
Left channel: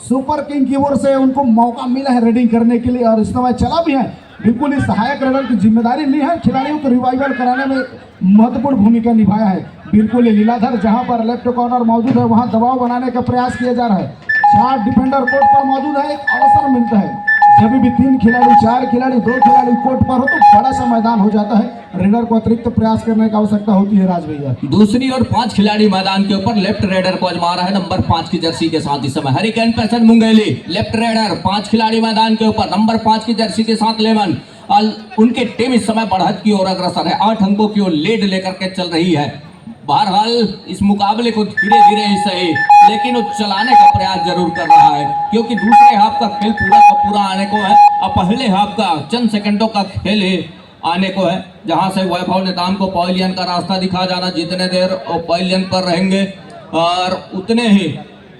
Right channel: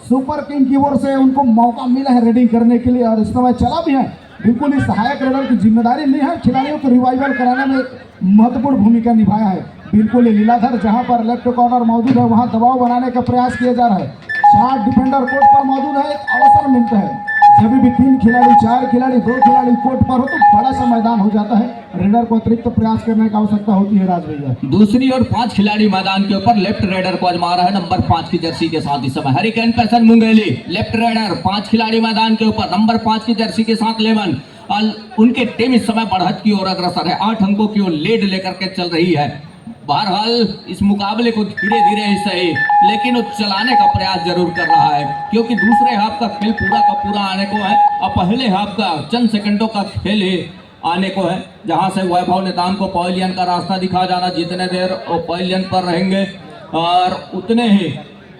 सुपर किंग की ओर से उनको मौका मिला है रेडिंग करने के लिए और इस समय चला भी है। बिल्कुल ही सहायक रेडर की जिम्मेदारी ली है, खिलाड़ियों को रिवाइवल कराने में महत्वपूर्ण भूमिका निभाया है। बिल्कुल ही लीलाधर जहां पर लेफ्ट कॉर्नर मौजूद है वहां दबाव बनाने का प्रयास किया जा रहा है। 4 डिफेंडर कोर्ट पर मौजूद है, एक अवसर मिलता है जब भी 3 खिलाड़ी 4 खिलाड़ी 2 खिलाड़ी कोर्ट पर हो तो बड़ा सा मैदान हो जाता है। रेडर को अतिरिक्त प्रयास करने की आवश्यकता होती है राज भैया। दूसरी ओर 5 खिलाड़ी मैदान के ऊपर लेफ्ट रेडर को आजमा रहा है नंबर 5 की जर्सी के साथ। इस समय हरिकेन पैसन मुंगेली लेफ्ट रेडर 5 खिलाड़ी मैदान के ऊपर नंबर 5 की जर्सी के साथ लेमन। उनके टीम इस समय बढ़त की ओर अग्रसर है, 8 अंकों की ओर लीड लेकर के चल रही है। बहरहाल इस मुकाबले को धीरे धीरे ही सही लेकिन वो चलाने का प्रयास जरूर कर रहा है, क्योंकि दूसरे हाफ का खेल पूरा का पूरा आने को है और पहले हाफ का चंद सेकंडों का खेल ही आने को है, जहां से वैभव नेताम को पवेलियन का रास्ता दिखा जाना। जितने देर वो पवेलियन पर रहेंगे और उतने ही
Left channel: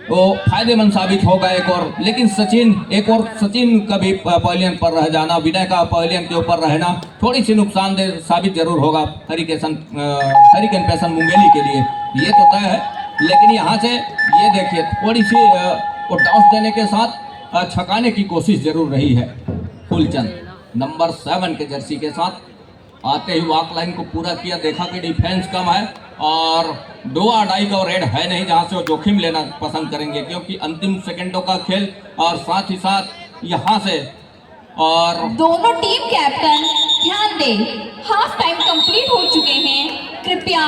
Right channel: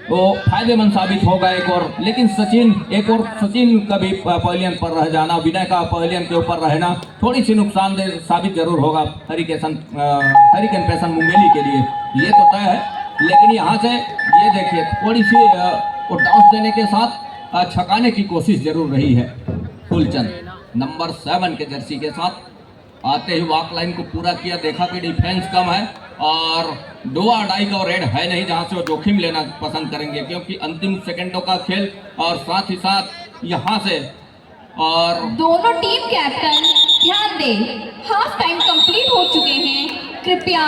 वो फायदेमंद साबित होगा एक और। लेकिन सचिन का भी पवेलियन पर रह जाना, विनय का पवेलियन के ऊपर रहना थोड़ी सी नुकसानदेह साबित जरूर होगा हरिकेन पैसन मुंगेली के लिए, ये तो तय है। लेकिन यहाँ से ये देखिए थोड़ी सी वो टॉस देने के साथ छकाने की कोशिश जरूर रही है। फुलचंद नंबर 7 के जर्सी के साथ आते ही वॉक लाइन को पूरा किया, देखा कि डिफेंस कम है और दो अढ़ाई का रेड है नहीं जहां से वो जोखिम लेना पसंद करेंगे, क्योंकि अंतिम सेकंडों का खेल और साथ ही साथ यहां से और दोनों टीम कैप्टन ध्यान दें, हाफ टाइम कंप्लीट हो चुके हैं, कृपया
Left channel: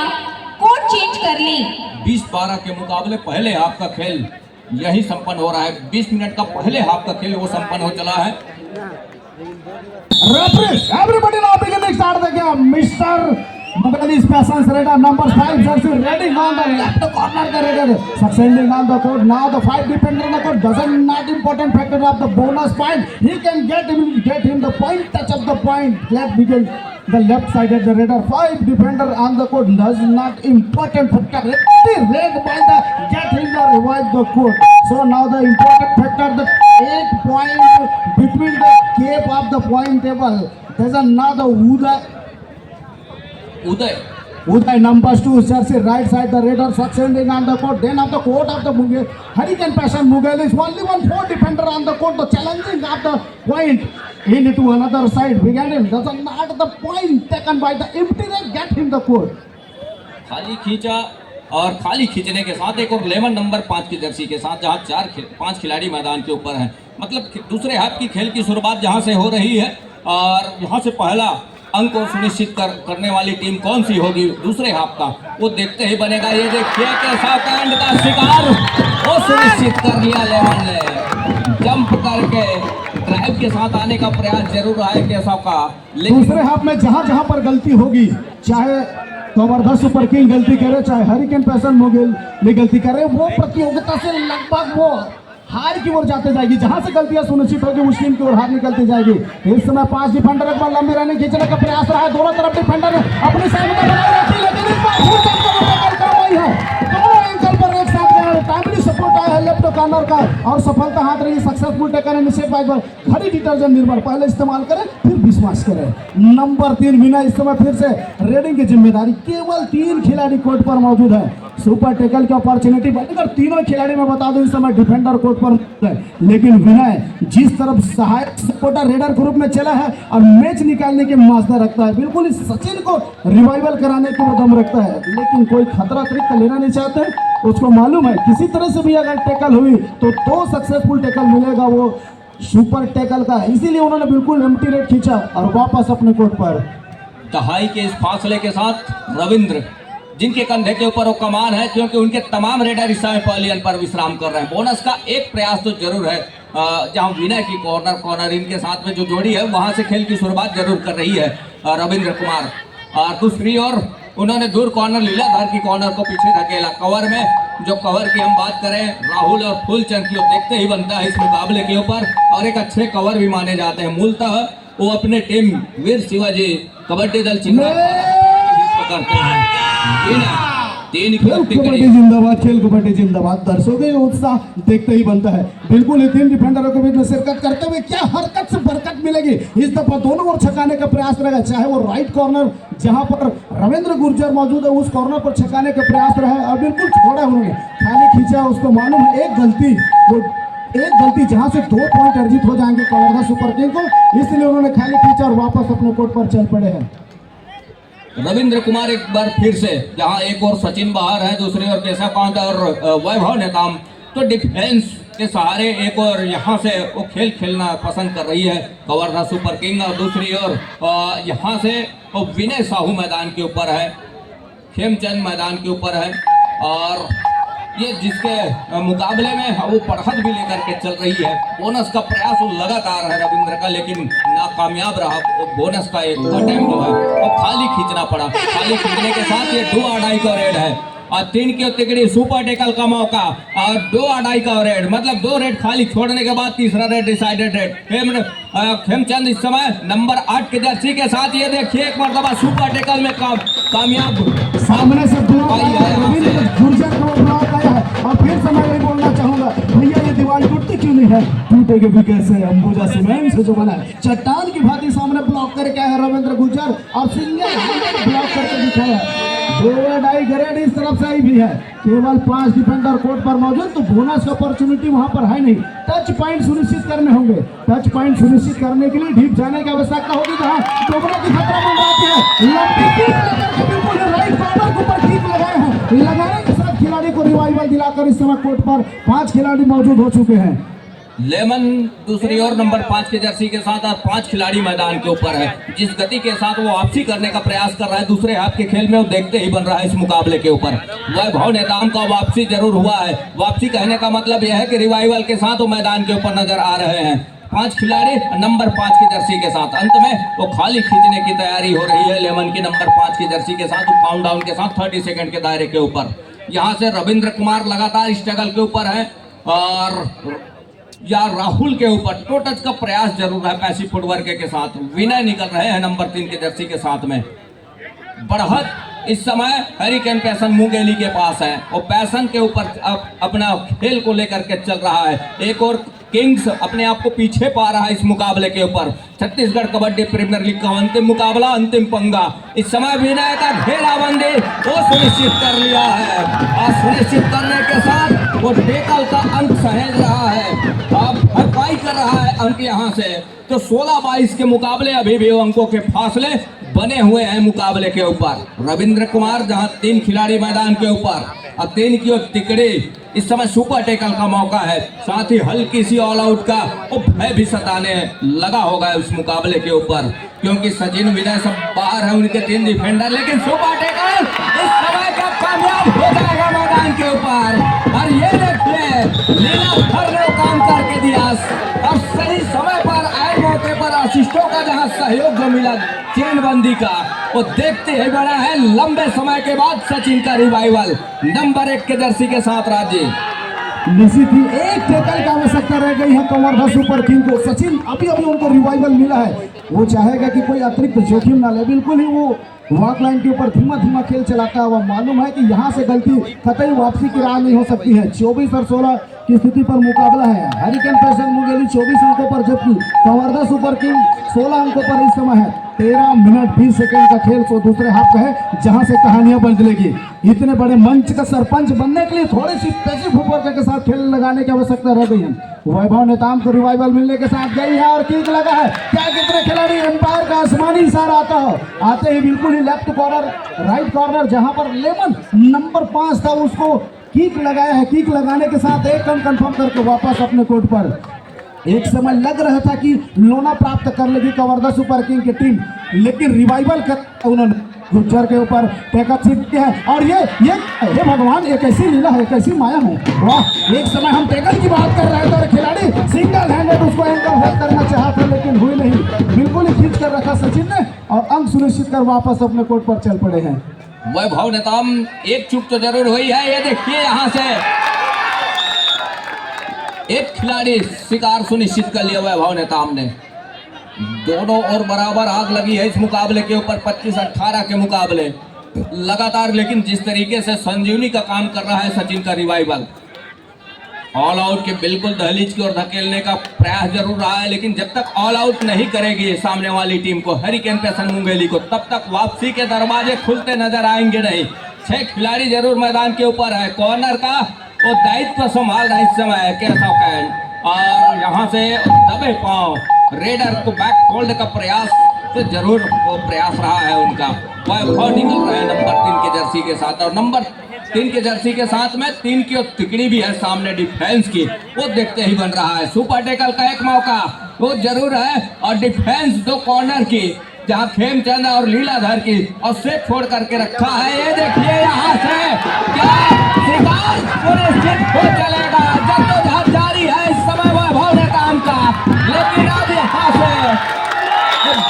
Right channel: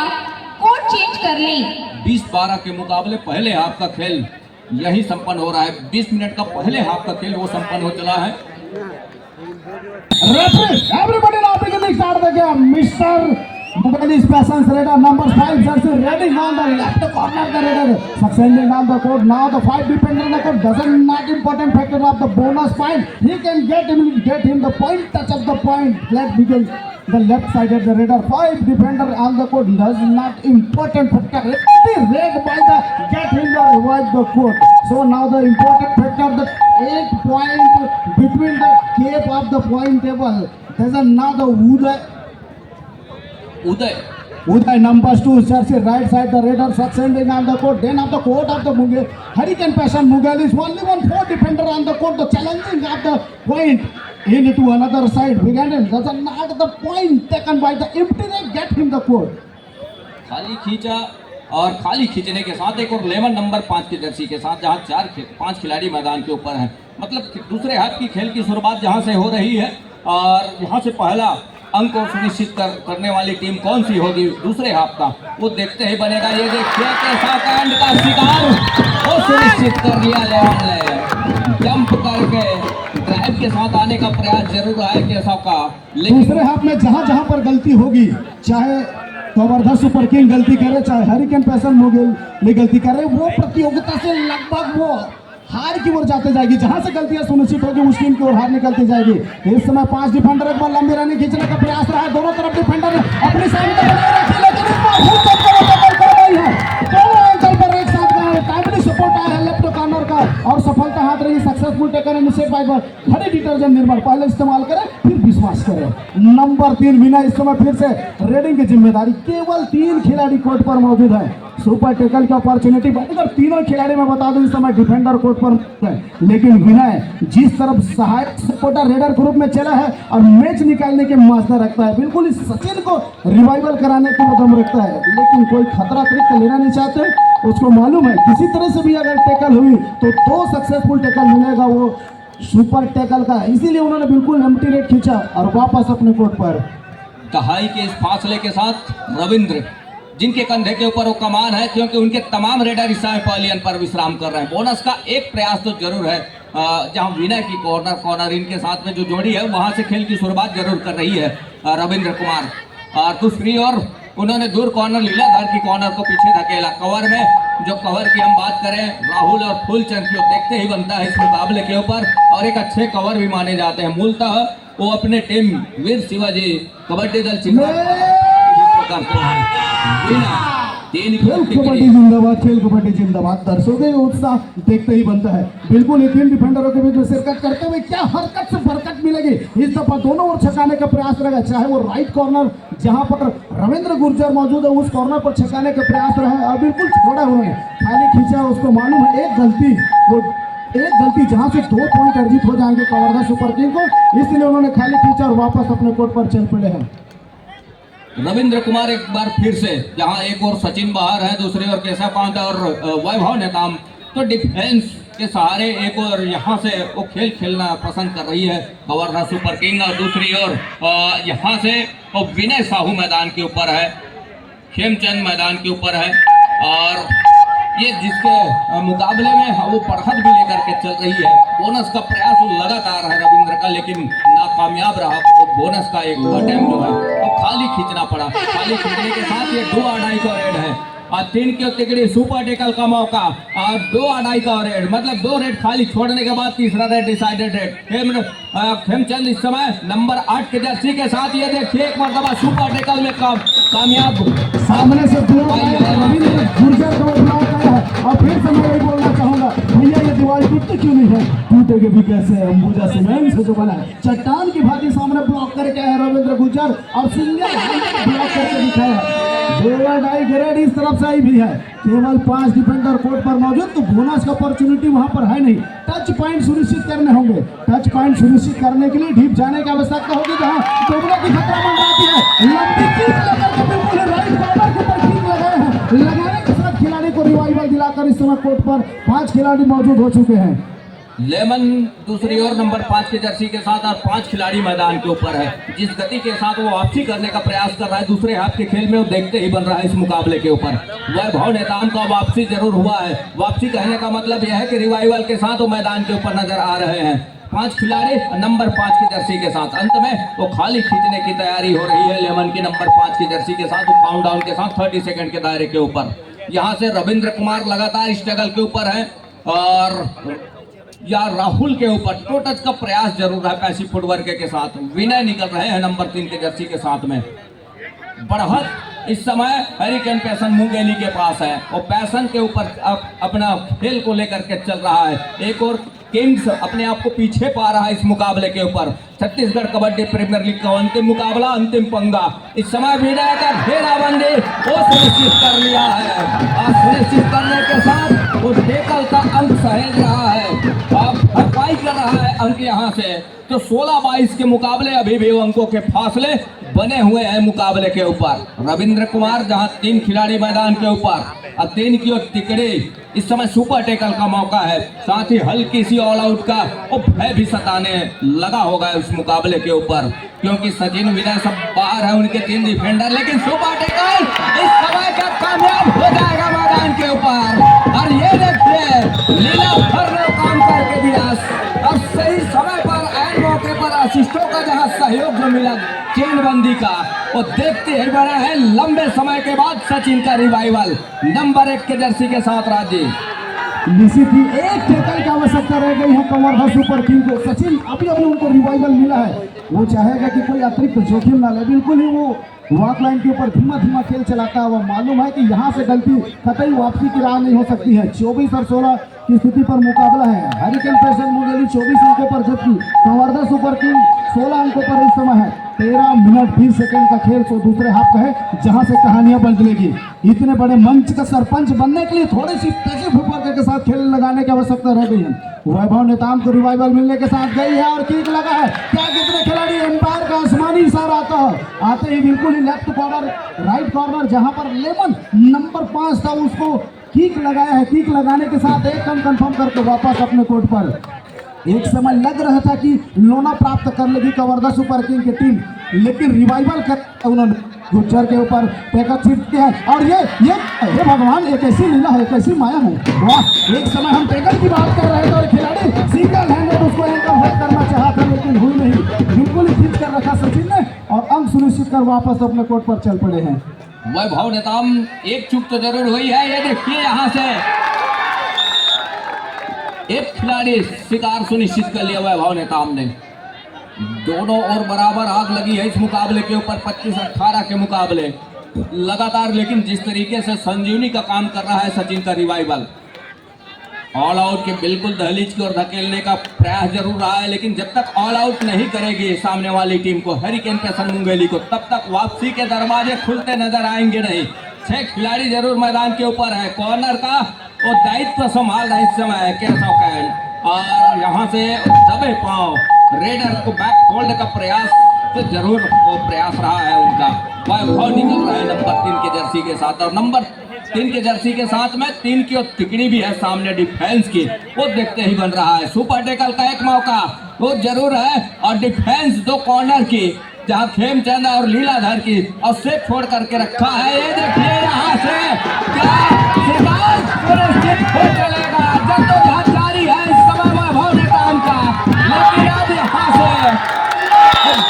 कोड चेंज कर लें। 20-12 के मुकाबले पहले हाफ का खेल यही संपन्न हो रहा है। 20 मिनट का पहले हाफ का खेल वो संपन्न हो चला है। Everybody now beginning start the game. Mr. Mughali's Passions Raider number 5 jersey ready on the left corner the Raider succeeding on the court. Now the 5 defender in the court doesn't not important factor of the bonus point. He can get him the point, touch of the point. Let's begin the left side of the Raider. 5 defender on the court does not important factor. Red by the get him the revive the court. So now the important factor the 8 point between the cape of the point table. There's another Uday number 2 jersey right side the Raider succeeding on the court. Then of the court of the Mughal Hurricane Passion Mughal is only 4 defender on the court. The challenging of the point into another side. Began him does not the point taken by the empty leg get him the court. खाली खींचा और खाली खींचने के साथ एक और lemon number 5 की जर्सी के साथ जहां 5 खिलाड़ी मैदान के ऊपर हैं। मतलब दूसरे हाफ की खेल की शुरुआत जहां से हो रही है और यहां से पहला अंक सुनिश्चित करने वाली टीम कौन सी होगी दूसरे हाफ का, वो देखते ही बनेगा। ये देखिए कैसा कांड का शिकार वो सुनिश्चित कर लिया लेमन ने, जंप करके ड्राइव के साथ आने का प्रयास जरूर रहा है केशव का। लेकिन दूसरे हाफ में जहां पर गलती होगी, चाहे कवर्धा सुपर किंग गलती करे चाहे हरिकेन पैसन मुगेली गलती करे, वो प्रतियोगिता से लगभग वो हार की ओर जाते जाएगी। जहां से गलतियां सुनिश्चित होगी उस टीम की ओर हार निकलती जाएगी। इस समय 5 डिफेंडर एक बार लंबी रनिंग खींचने का प्रयास रहा है, दोनों तरफ डिफेंडर अपनी सहमति बनाए रखी, लेकिन इस बार खूब चक्कर टक्कर काम आई है। दोनों एंगल पर एक साथ टाइमली सपोर्ट आया है लेफ्ट कॉर्नर का और सफलता हाथ रही। सक्सेसफुल टेकन इनिशिएट बाय घड़ी डिटर्जेंट निर्भर, पहले इस्तेमाल करें फिर विश्वास करें। नंबर 3 विनय इस समय फिर से रेडिंग की जिम्मेदारी, केवल 3 खिलाड़ी कोर्ट पर मौजूद है। सुपर टैकल की अपॉर्चुनिटी बनकर तीनों खिलाड़ी में बता दूं इस समय डिफेंडर कोर्ट पर है, लेकिन विनय जिस तरफ सहायक सपोर्टर रेडर ग्रुप में चला है और मैच निकालने के मास्टर रखता है, बिल्कुल इस सचिन को रिवाइवल कराने को दम रखता है, लेकिन कोई खतरा अतिरिक्त लेना नहीं चाहते। उसको मालूम है किसी तरह से भी अगर टैकल हुई तो 2 सक्सेसफुल टैकल मिलेगा वो सुपर टैकल का, इसीलिए उन्होंने बिल्कुल एम्प्टी रेड खींचा और वापस अपने कोर्ट पर। दहाई के इस फासले के साथ रविंद्र जिनके कंधे के ऊपर वो कमान है, क्योंकि उनके तमाम रेडर इस समय पवेलियन पर विश्राम कर रहे हैं। बोनस का एक प्रयास तो जरूर है, जहां विनय की कॉर्नर इनके साथ में जो जोड़ी है वहां से खेल की शुरुआत जरूर कर रही है रविंद्र कुमार। और दूसरी ओर उन्होंने दूर कॉर्नर लीलाधर की कॉर्नर को पीछे धकेला। कवर में जो कवर की हम बात करें राहुल और फुलचंद की, देखते ही बनता है इस मुकाबले के ऊपर और एक अच्छे कवर भी माने जाते हैं। मूलतः वो अपने टीम वीर शिवाजी कबड्डी दल करते हैं। कबड्डी जिंदाबाद, खेल कबड्डी जिंदाबाद, दर्शकों के उत्साह देखते ही बनता है। बिल्कुल 3 डिफेंडरों के बीच में शिरकत करते हुए क्या हरकत से बरकत मिलेगी। इस दफा दोनों ओर छकाने का प्रयास रहेगा, चाहे वो राइट कॉर्नर जहां पर रविंद्र गुर्जर मौजूद है उस कॉर्नर पर छकाने का प्रयास रहा और बिल्कुल छोड़ा उन्होंने, खाली खींचा। उसको मालूम है एक गलती जहां से 2 पॉइंट अर्जित हो जाएंगे कवर्धा सुपर किंग को, इसलिए उन्होंने खाली खींचा और वापस अपने कोर्ट पर चल पड़े हैं। रविंद्र कुमार एक बार फिर से, जहां एक और सचिन बाहर है, दूसरी ओर केशव पांडे और वैभव नेताम, तो डिफेंस के सहारे एक और यहाँ से वो खेल खेलना पसंद कर रही है कवर्धा सुपर किंग, और दूसरी ओर यहाँ से वो विनय साहू मैदान के ऊपर है, खेमचंद मैदान के ऊपर है, और ये जिसके मुकाबले में वो पढ़त भी लेकर के चल रही है। बोनस का प्रयास लगातार है रविंद्र का, लेकिन नाकामयाब रहा। बोनस का एक अटेम्प्ट जो है वो खाली खींचना पड़ा। खाली खींचने के साथ ये 2-2.5 का रेड है, और 3 की तिकड़ी सुपर टेकल का मौका, और 2-2.5 का रेड, मतलब 2 रेड खाली छोड़ने के बाद तीसरा रेड डिसाइडेड रेड। खेमचंद इस समय नंबर 8 के जर्सी के साथ, ये देखिए एक मरतबा सुपर टेकल में कामयाब। सामने से ब्लॉक आया है, रविंद्र गुर्जर को ब्लॉक आया है। और फिर से मैं यही बोलना चाहूंगा, भैया ये दीवार टूटती क्यों नहीं है? टूटेगी भी कैसे? अंबुजा सीमेंट से जो बना है, चट्टान की भांति सामने ब्लॉक करके आए रविंद्र गुर्जर, और सिंगल ब्लॉक करके दिखाया। 2-2.5 ग्रेड इस तरफ से आई भी है, केवल 5 डिफेंडर कोर्ट पर मौजूद, तो बोनस का अपॉर्चुनिटी वहां पर है नहीं। टच पॉइंट सुनिश्चित करने होंगे, टच पॉइंट सुनिश्चित करने के लिए डीप जाने की आवश्यकता होगी, जहां डूबने की खतरा मंडराती है। लंबी किक बिल्कुल राइट कॉर्नर के ऊपर किक लगाए हैं, लगाने के साथ खिलाड़ी को रिवाइवल दिलाकर इस समय कोर्ट पर 5 खिलाड़ी मौजूद हो चुके हैं। लेमन दूसरी ओर नंबर 5 के जर्सी के साथ, और 5 खिलाड़ी मैदान के ऊपर है। जिस गति के साथ वो वापसी करने का प्रयास कर रहा है दूसरे हाफ के खेल में, वो देखते ही बन रहा है इस मुकाबले के ऊपर। वैभव नेताम का वापसी जरूर हुआ है। वापसी कहने का मतलब यह है कि रिवाइवल के साथ वो मैदान के ऊपर नजर आ रहे हैं। 5 खिलाड़ी नंबर 5 की जर्सी के साथ, अंत में वो खाली खींचने की तैयारी हो रही है लेमन की नंबर 5 की जर्सी के साथ, काउंटडाउन के साथ 30 सेकंड के दायरे के ऊपर। यहाँ से रविंद्र कुमार लगातार स्ट्रगल के ऊपर है, और या राहुल के ऊपर टो टच का प्रयास जरूर है पैसिव फुटवर्क के साथ। विनय निकल रहे हैं नंबर 3 के जर्सी के साथ में। बढ़त इस समय हरिकेन पैसन मुंगेली के पास है, और पैसन के ऊपर अपना खेल को लेकर के चल रहा है। एक और किंग्स अपने आप को पीछे पा रहा है इस मुकाबले के ऊपर। छत्तीसगढ़ कबड्डी प्रीमियर लीग का अंतिम मुकाबला, अंतिम पंगा। इस समय विनय का घेराबंदी वो सुनिश्चित कर लिया है, और सुनिश्चित करने के साथ वो टेकल का अंक सहेज रहा है, अब भरपाई कर रहा है अंक यहाँ से। तो 16-22 के मुकाबले अभी भी अंकों के फासले बने हुए हैं मुकाबले के ऊपर। रविंद्र कुमार जहां 3 खिलाड़ी मैदान के ऊपर, और 3 की तिकड़ी इस समय सुपर टेकल का मौका है, साथ ही हल्की सी ऑल आउट का वो भय भी सताने लगा होगा उस मुकाबले के ऊपर, क्योंकि सचिन विनय सब बाहर है, उनके 3 डिफेंडर, लेकिन सुपर टेकल इस समय का कामयाब हो जाएगा मैदान के ऊपर। और ये देखिए लीला भर ने काम करके दिया, अब सही समय पर ऐन मौके पर असिस्टों का जहां सहयोग जो मिला चेनबंदी का, वो देखते ही बना है लंबे समय के बाद सचिन का रिवाइवल नंबर 1 के जर्सी के साथ। राजीव निश्चित ही एक टेकल की आवश्यकता रह गई है कवर्धा सुपर किंग को। सचिन अभी उनको रिवाइवल मिला है, वो चाहेगा कि कोई अतिरिक्त जोखिम ना ले, बिल्कुल ही वो वॉक लाइन के ऊपर धीमा खेल चलाता है। वह मालूम है कि यहाँ से गलती कतई वापसी की राह नहीं हो सकती है। 24 और 16 की स्थिति पर मुकाबला है। हरिकेन पैसन मुंगेली 24 अंकों पर, जबकि कवर्धा सुपर किंग 16 अंकों पर इस समय है। 13 मिनट 20 सेकंड का खेल तो दूसरे हाफ का है, जहां से कहानियां बदलेगी। इतने बड़े मंच का सरपंच बनने के लिए थोड़ी सी पैसिव फुटवर्क के साथ खेल लगाने की आवश्यकता रह गई है। वैभव नेताम को रिवाइवल मिलने के साथ गई है, और किक लगा है। क्या कितने खिलाड़ी एम्पायर का आसमानी इशारा आता हो, आते ही बिल्कुल ही लेफ्ट कॉर्नर राइट कॉर्नर जहां पर लेमन नंबर 5 था, उसको किक लगाया है। किक लगाने के साथ एक रन कंफर्म करके वापस अपने कोर्ट पर। एक समय लग रहा था कि लोना प्राप्त कर लेगी कवर्धा सुपर किंग की टीम, लेकिन रिवाइवल कर उन्होंने गुज्जर के ऊपर टेकअप शिफ्ट किया है। और ये हे भगवान, एक ऐसी लीला है, एक ऐसी माया है, वाह। एक समय हम टेकअप की बात कर रहे थे और खिलाड़ी सिंगल हैंडेड उसको एंकर करना चाहा था, लेकिन हुई नहीं। बिल्कुल ही खींच कर रखा सचिन ने, और अंक सुनिश्चित कर वापस अपने कोर्ट पर चल पड़े हैं। वैभव नेताम एक चूक तो जरूर हुई है। ये देखिए यहाँ से एक खिलाड़ी शिकार सुनिश्चित कर लिया वैभव नेताम ने। दोनों और बराबर आग लगी है इस मुकाबले के ऊपर, 25-18 के मुकाबले लगातार। लेकिन जिस तरीके से संजीवनी का काम कर रहा है सचिन का रिवाइवल, ऑल आउट के बिल्कुल दहलीज की ओर धकेलने का प्रयास जरूर रहा है, लेकिन जब तक ऑल आउट नहीं करेगी सामने वाली टीम को, हरिकेन पैसन मुंगेली को, तब तक वापसी के दरवाजे खुलते नजर आएंगे नहीं। 6 खिलाड़ी जरूर मैदान के ऊपर है। कॉर्नर का वो दायित्व संभाल रहा है इस समय कैसा कैन, और यहाँ से दबे पांव रेडर को बैक होल्ड का प्रयास तो जरूर वो प्रयास रहा है उनका। वैभव निकल रहे हैं नंबर 3 के जर्सी के साथ, और नंबर 3 के जर्सी के साथ में 3 की और तिकड़ी भी है सामने डिफेंस की, वो देखते ही बन रहा है। सुपर टेकल का एक मौका वो जरूर है और डिफेंस 2 कॉर्नर की, जहां खेमचंद और लीलाधर की और सेट छोड़ करके रखा है। ये देखिए यहाँ से क्या शिकार सुनिश्चित हो चलेगा। जद्दोजहद जारी है इस समय वैभव नेताम का, लेकिन अब यहाँ से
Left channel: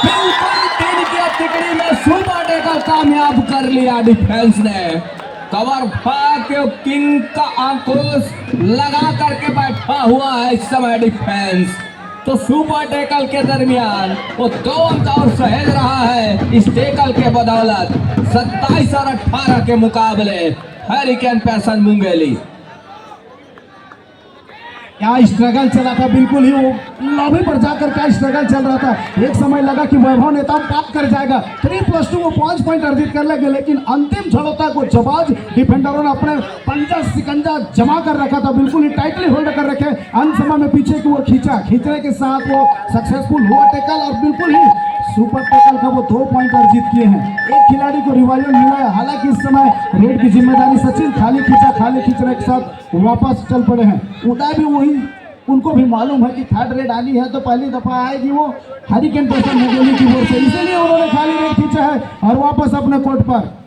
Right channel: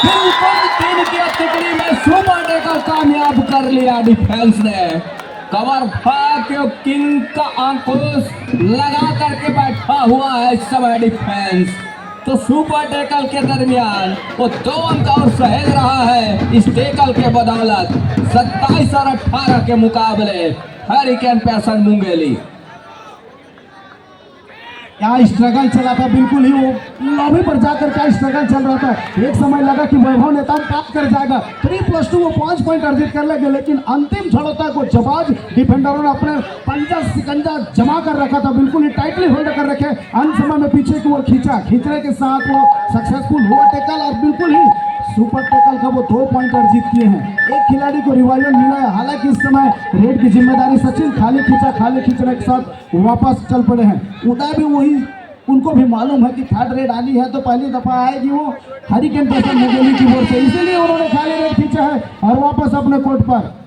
बिल्कुल 3 की तिकड़ी में सुपर टेकल कामयाब कर लिया डिफेंस ने। कवर भाग किंग का अंकुश लगा करके बैठा हुआ है इस समय डिफेंस। तो सुपर टेकल के दरमियान वो 2 अंक और सहेज रहा है इस टेकल के बदौलत। 27 और 18 के मुकाबले हरिकेन पैशन मुंगेली। क्या स्ट्रगल चला था, बिल्कुल ही वो लॉबी पर जाकर क्या स्ट्रगल चल रहा था। एक समय लगा कि वैभव नेताम प्राप्त कर जाएगा, 3+2 वो 5 पॉइंट अर्जित कर लेंगे, लेकिन अंतिम क्षणों तक वो जबाज डिफेंडरों ने अपने पंजा सिकंजा जमा कर रखा था, बिल्कुल ही टाइटली होल्ड कर रखे। अंत समय में पीछे की वो खींचने के साथ वो सक्सेसफुल हुआ टेकल और बिल्कुल ही सुपर टेकल का वो 2 पॉइंट अर्जित किए हैं। एक खिलाड़ी को रिवाइवल मिला है, हालांकि इस समय रेड की जिम्मेदारी सचिन खाली खींचने के साथ वापस चल पड़े हैं। उदय भी वही, उनको भी मालूम है कि थर्ड रेड आनी है तो पहली दफा आएगी वो हरिकेन पैशन मुंगेली की ओर से, इसीलिए उन्होंने खाली रेड खींचा है और वापस अपने कोर्ट पर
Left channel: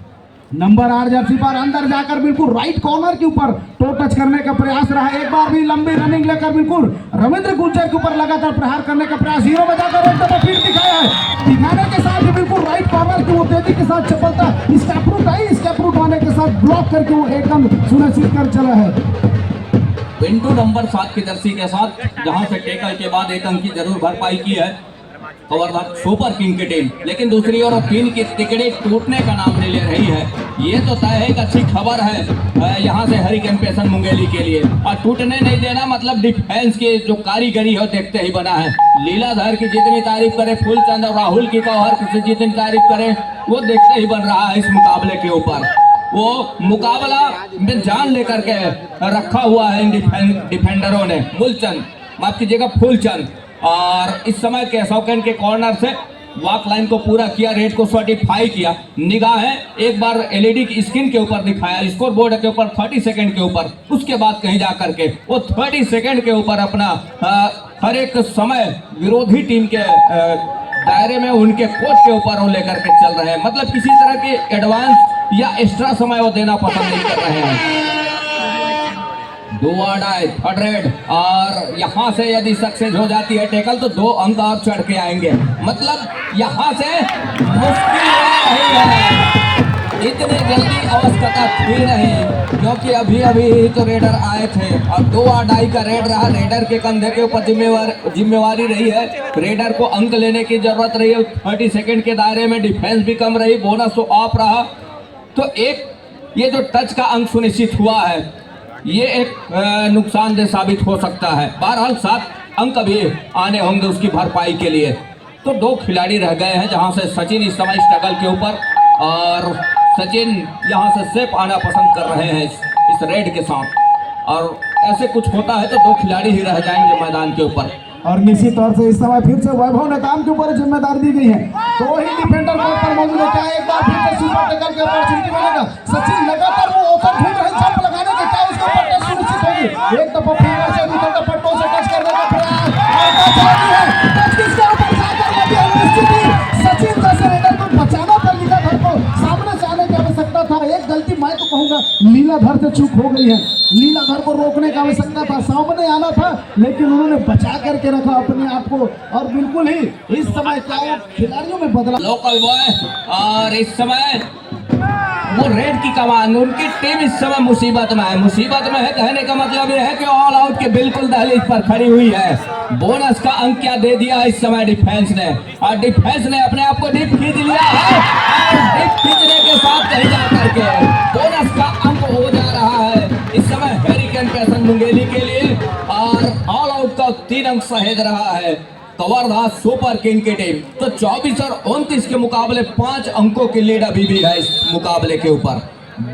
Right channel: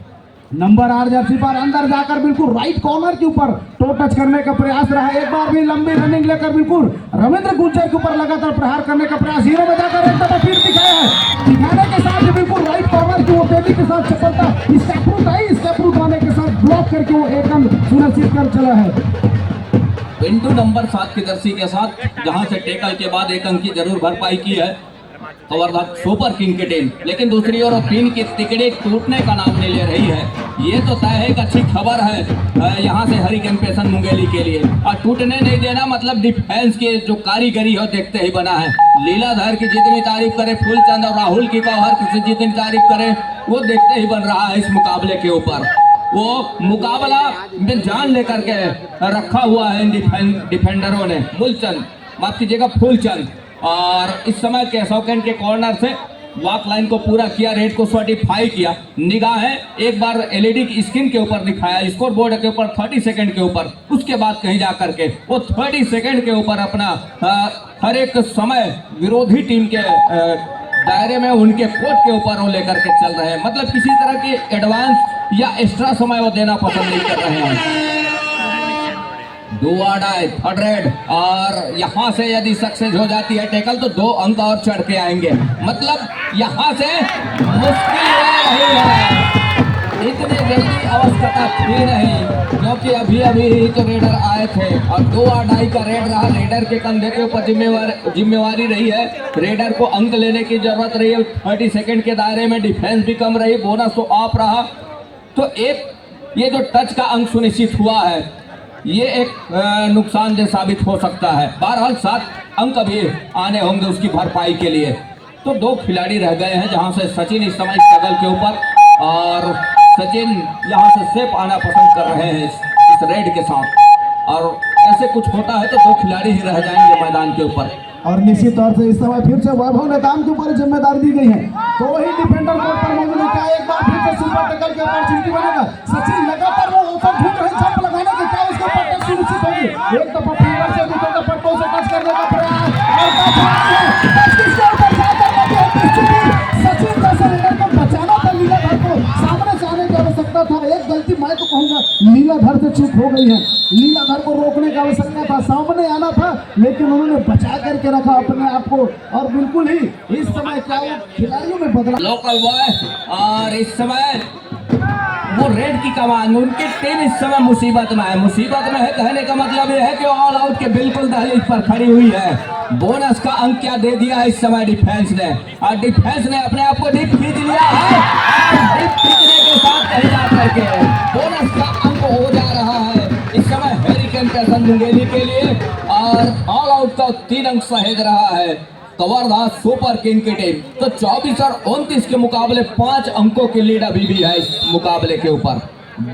नंबर 8 जर्सी पर अंदर जाकर बिल्कुल राइट कॉर्नर के ऊपर टो टच करने का प्रयास रहा। एक बार भी लंबी रनिंग लेकर बिल्कुल रविंद्र गुर्जर के ऊपर लगातार प्रहार करने का प्रयास, हीरो में जाकर एक दफा फिर दिखाया है। दिखाने के साथ बिल्कुल राइट कॉर्नर की वो तेजी के साथ चपलता स्टेप रूट आने के साथ ब्लॉक करके वो एकदम सुनिश्चित कर चला है। पिंटू नंबर 7 की जर्सी के साथ जहां से टेकल के बाद 1 अंक की जरूर भरपाई की है कवर्धा सुपर किंग की टीम, लेकिन दूसरी ओर 3 की तिकड़ी टूटने का नाम नहीं ले रही है। ये तो तय है, एक अच्छी खबर है यहाँ से हरिकेन पैशन मुंगेली के लिए, और टूटने नहीं देना मतलब डिफेंस की जो कारीगरी है देखते ही बना है। लीलाधर की जितनी तारीफ करे फूलचंद और राहुल की कौहर से जितनी तारीफ करे वो देखते ही बन रहा है इस मुकाबले के ऊपर। वो मुकाबला में जान लेकर के रखा हुआ है इन डिफेंडरों ने। मूलचंद, माफ कीजिएगा फूलचंद, और इस समय केशवकन के कॉर्नर से वॉक लाइन को पूरा किया, रेड को सर्टिफाई किया। निगाहें एक बार एलईडी की स्क्रीन के ऊपर दिखाया, स्कोर बोर्ड के ऊपर 30 सेकंड के ऊपर, उसके बाद कहीं जा करके वो 30 सेकंड के ऊपर अपना हर एक समय विरोधी टीम के दायरे में उनके कोच के ऊपर वो लेकर के चल रहे हैं, मतलब किसी तरह की एडवांस या एक्स्ट्रा समय वो देना पसंद नहीं कर रहे हैं। थर्ड रेड, और यहाँ से यदि सक्सेस हो जाती है टेकल तो 2 अंक और चढ़ के आएंगे, मतलब यहाँ से मुश्किल रही है। इतनी जल्दी अवस्था थी नहीं, क्योंकि अभी अभी तो रेडर आए थे और 2-2 का रेड रहा। रेडर के कंधे के ऊपर जिम्मेवारी रही है, रेडर को अंक लेने की जरूरत रही है। 30 सेकंड के दायरे में डिफेंस भी कम रही, बोनस तो ऑफ रहा, तो एक ये जो टच का अंक सुनिश्चित हुआ है ये एक नुकसानदेह साबित हो सकता है। बहरहाल 7 अंक अभी आने होंगे उसकी भरपाई के लिए। तो 2 खिलाड़ी रह गए हैं, जहां से सचिन इस समय स्ट्रगल के ऊपर, और सचिन यहां से सेफ आना पसंद कर रहे हैं इस रेड के साथ, और ऐसे कुछ होता है तो 2 खिलाड़ी ही रह जाएंगे मैदान के ऊपर। और निश्चित तौर से इस समय फिर से वैभव नेताम के ऊपर जिम्मेदारी दी गई है, 2 ही डिफेंडर कोर्ट पर मौजूद है। क्या एक बार फिर से सुपर टेकल के अपॉर्चुनिटी बनेगा? सचिन लगातार वो ओपन ढूंढ रहे जंप लगाने के, क्या उसके ऊपर टच सुनिश्चित होगी? एक दफा फिंगर से दूसरे दफा टो से टच करने का प्रयास, और टच लगी है, टच किसके ऊपर जाकर लगी है? निश्चित ही सचिन जैसे रेडर को बचाना था, लीलाधर को सामने से आने की आवश्यकता था। एक गलती मैं तो कहूंगा लीलाधर से चूक हो गई है, लीलाधर को रोकने की आवश्यकता था, सामने आना था, लेकिन उन्होंने बचा करके रखा अपने आप को। और बिल्कुल ही इस समय क्या वो खिलाड़ियों में बदला लोकल बॉय, और इस समय वो रेड की कमान, उनकी टीम इस समय मुसीबत में है। मुसीबत में है कहने का मतलब ये है कि ऑल आउट के बिल्कुल दहलीज पर खड़ी हुई है। बोनस का अंक क्या दे दिया इस समय डिफेंस ने, और डिफेंस ने अपने आप को डीप खींच लिया है। डीप खींचने के साथ कहीं जा करके बोनस का अंक हो जा रहा है इस समय हरिकेन पैशन मुंगेली के लिए, और ऑल आउट का 3 अंक सहेज रहा है कवर्धा सुपर किंग की टीम। तो 24 और 29 के मुकाबले 5 अंकों की लीड अभी भी है इस मुकाबले के ऊपर।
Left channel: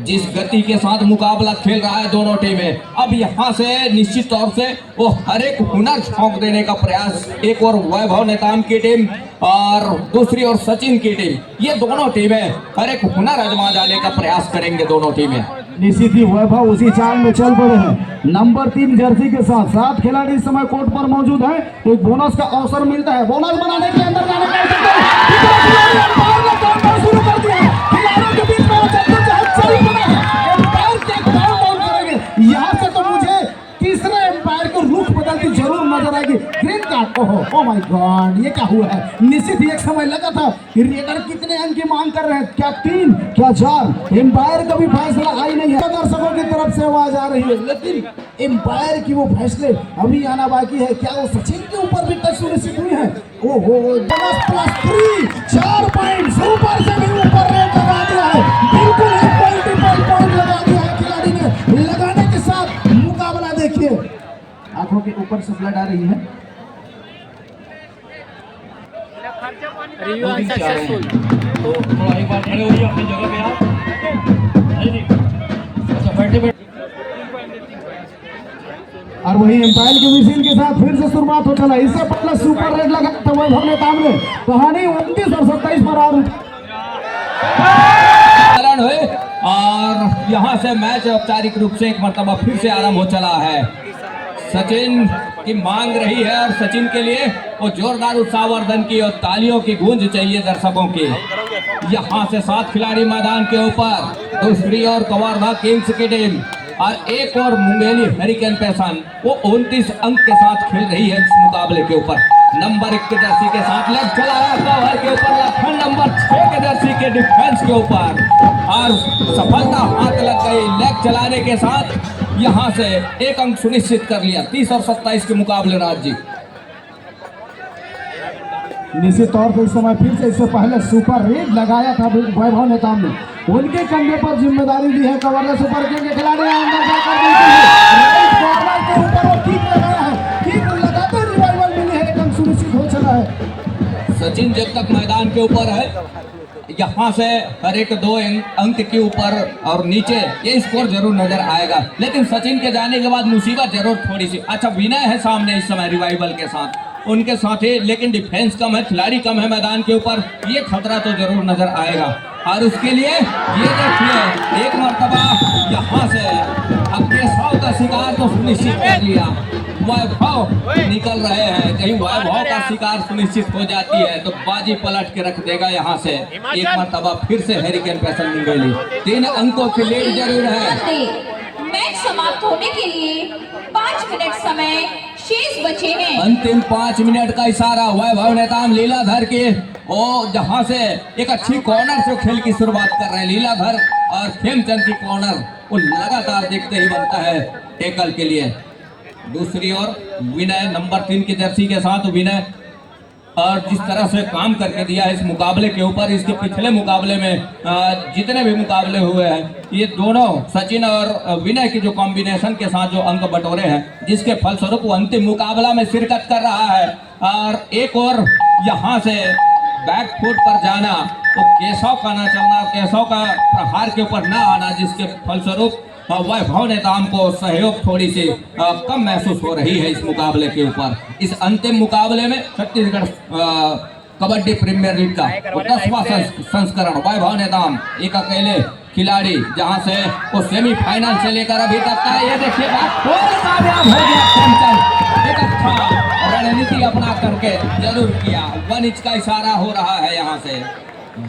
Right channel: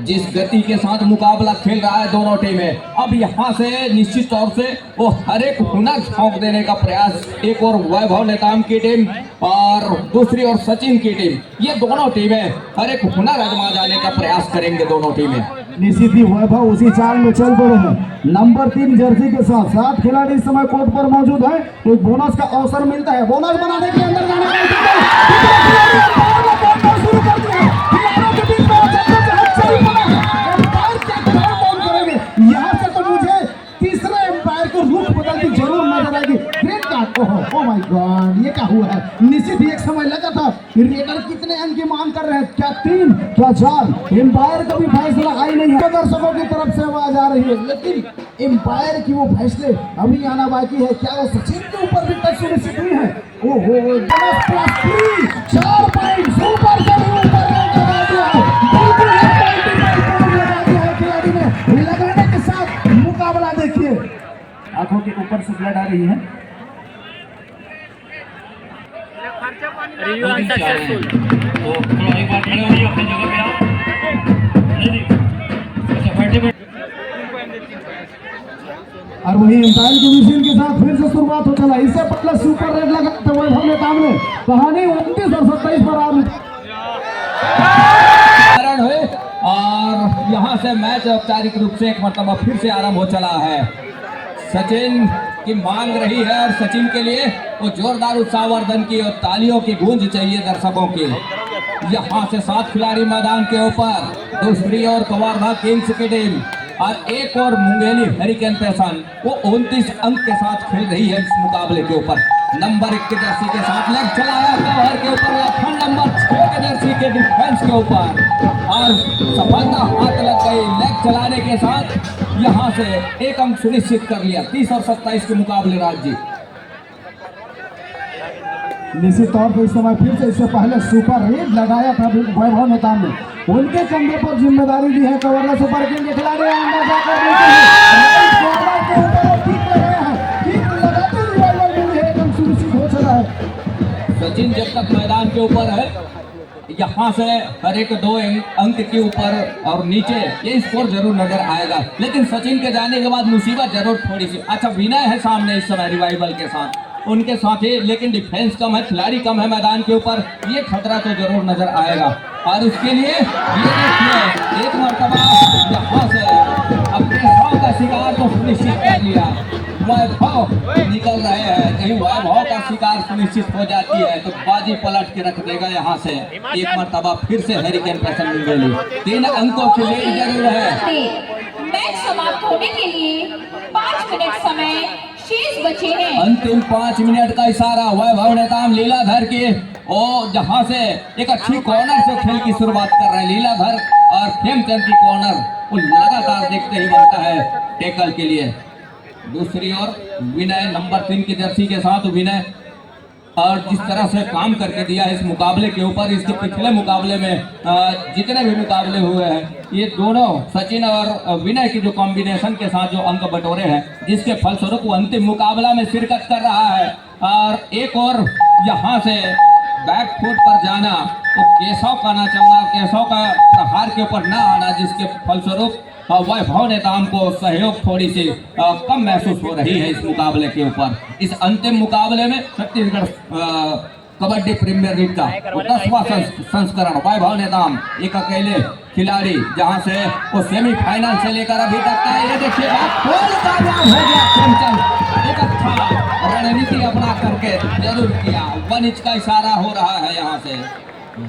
जिस गति के साथ मुकाबला खेल रहा है दोनों टीमें, अब यहाँ से निश्चित तौर से वो हर एक हुनर झोंक देने का प्रयास, एक और वैभव नेताम की टीम और दूसरी ओर सचिन की टीम, ये दोनों टीमें हर एक हुनर आजमा जाने का प्रयास करेंगे दोनों टीमें। निश्चित ही वैभव उसी चाल में चल पड़े हैं। नंबर 3 जर्सी के साथ 7 खिलाड़ी इस समय कोर्ट पर मौजूद हैं। एक बोनस का अवसर मिलता है। बोनस बनाने के अंदर जाने का खिलाड़ी अंपायर ने काउंटडाउन शुरू कर दिया। खिलाड़ियों के बीच में वो चल पड़ा है। अंपायर क्या काउंटडाउन करेंगे? यहाँ से तो मुझे तीसरे अंपायर को रुख बदलती जरूर नजर आएगी। Green card, oh my God, ये क्या हुआ है? निश्चित ही एक समय लगा था कि रेडर कितने अंक की मांग कर रहे हैं, क्या 3 क्या 4? एम्पायर का भी फैसला आई नहीं है। दर्शकों की तरफ से आवाज आ रही है, लेकिन एम्पायर की वो फैसले अभी आना बाकी है। क्या वो सचिन के ऊपर भी टच सुनिश्चित हुई है? ओहो, +3 4 पॉइंट सुपर से भी ऊपर रैंक लगा दिया है। बिल्कुल एक मल्टीपल पॉइंट लगा दिया है खिलाड़ी ने। लगाने के साथ मुकाबला देखिए, आंखों के ऊपर से ब्लड आ रही है। Review unsuccessful. तो थोड़ा एक बार खड़े हो जाइए अपनी जगह पे आप। अच्छा 30 और वही एम्पायर की विजिल के साथ फिर से शुरुआत हो चला। इससे पहले सुपर रेड लगा था वैभव नेताम ने। कहानी 29 और 27 पर हुए और यहाँ से मैच औपचारिक रूप से एक मर्तबा फिर से आरंभ हो चला है। सचिन की मांग रही है और सचिन के लिए वो जोरदार उत्साहवर्धन की और तालियों की गूंज चाहिए दर्शकों की। यहाँ से 7 खिलाड़ी मैदान के ऊपर, दूसरी ओर कवर्धा किंग्स की टीम और एक और मुंगेली हरिकेन पैसन वो 29 अंक के साथ खेल रही है इस मुकाबले के ऊपर। नंबर 1 के जर्सी के साथ लेग चलाया कवर के ऊपर, लखन नंबर 6 के जर्सी के डिफेंस के ऊपर और सफलता हाथ लग गई। लेग चलाने के साथ यहाँ से 1 अंक सुनिश्चित कर लिया। 30 और 27 के मुकाबले राज। निश्चित तौर पर इस समय फिर से इससे पहले सुपर रेड लगाया था वैभव नेताम ने। उनके कंधे पर जिम्मेदारी दी है। कवर्धा सुपर किंग के खिलाड़ी अंदर जाकर राइट कॉर्नर के ऊपर वो किक लगाया है। किक लगाते रिवाइवल मिली है, 1 अंक सुनिश्चित हो चला है। सचिन जब तक मैदान के ऊपर है, यहाँ से हर एक 2 अंक के ऊपर और नीचे ये स्कोर जरूर नजर आएगा। लेकिन सचिन के जाने के बाद मुसीबत जरूर थोड़ी सी। अच्छा विनय है सामने इस समय रिवाइवल के साथ, उनके साथ ही, लेकिन डिफेंस कम है, खिलाड़ी कम है मैदान के ऊपर। ये खतरा तो जरूर नजर आएगा और उसके लिए ये देखिए एक मर्तबा यहाँ से अपने 100 का शिकार को सुनिश्चित कर लिया। वैभव निकल रहे हैं, कहीं वैभव का शिकार सुनिश्चित हो जाती है तो बाजी पलट के रख देगा। यहाँ से एक मर्तबा फिर से हरिकेन पैसन मुंगेली 3 अंकों के लिए जरूर है। मैच समाप्त होने के लिए 5 मिनट समय शेष बचे हैं। अंतिम 5 मिनट का इशारा वैभव नेताम लीलाधर के, और जहां से एक अच्छी कॉर्नर से खेल की शुरुआत कर रहे हैं लीलाधर और खेमचंद की कॉर्नर वो लगातार देखते ही बनता है टेकल के लिए। दूसरी ओर विनय नंबर 3 की जर्सी के साथ विनय और जिस तरह से काम करके दिया है इस मुकाबले के ऊपर, इसके पिछले मुकाबले में जितने भी मुकाबले हुए हैं ये दोनों सचिन और विनय की जो कॉम्बिनेशन के साथ जो अंक बटोरे हैं, जिसके फलस्वरूप वो अंतिम मुकाबला में शिरकत कर रहा है। और एक और यहाँ से बैक फुट पर जाना तो केशव का ना चलना, केशव का प्रहार के ऊपर ना आना, जिसके फलस्वरूप वैभव नेताम को सहयोग थोड़ी सी कम महसूस हो रही है इस मुकाबले के ऊपर। इस अंतिम मुकाबले में छत्तीसगढ़ कबड्डी प्रीमियर लीग का 10वां संस्करण वैभव नेताम एक अकेले खिलाड़ी जहां से वो सेमीफाइनल से लेकर अभी तक का ये देखिए कामयाब हो गया। खेमचंद एक अच्छा रणनीति अपना करके जरूर किया। 1 इंच का इशारा हो रहा है, यहाँ से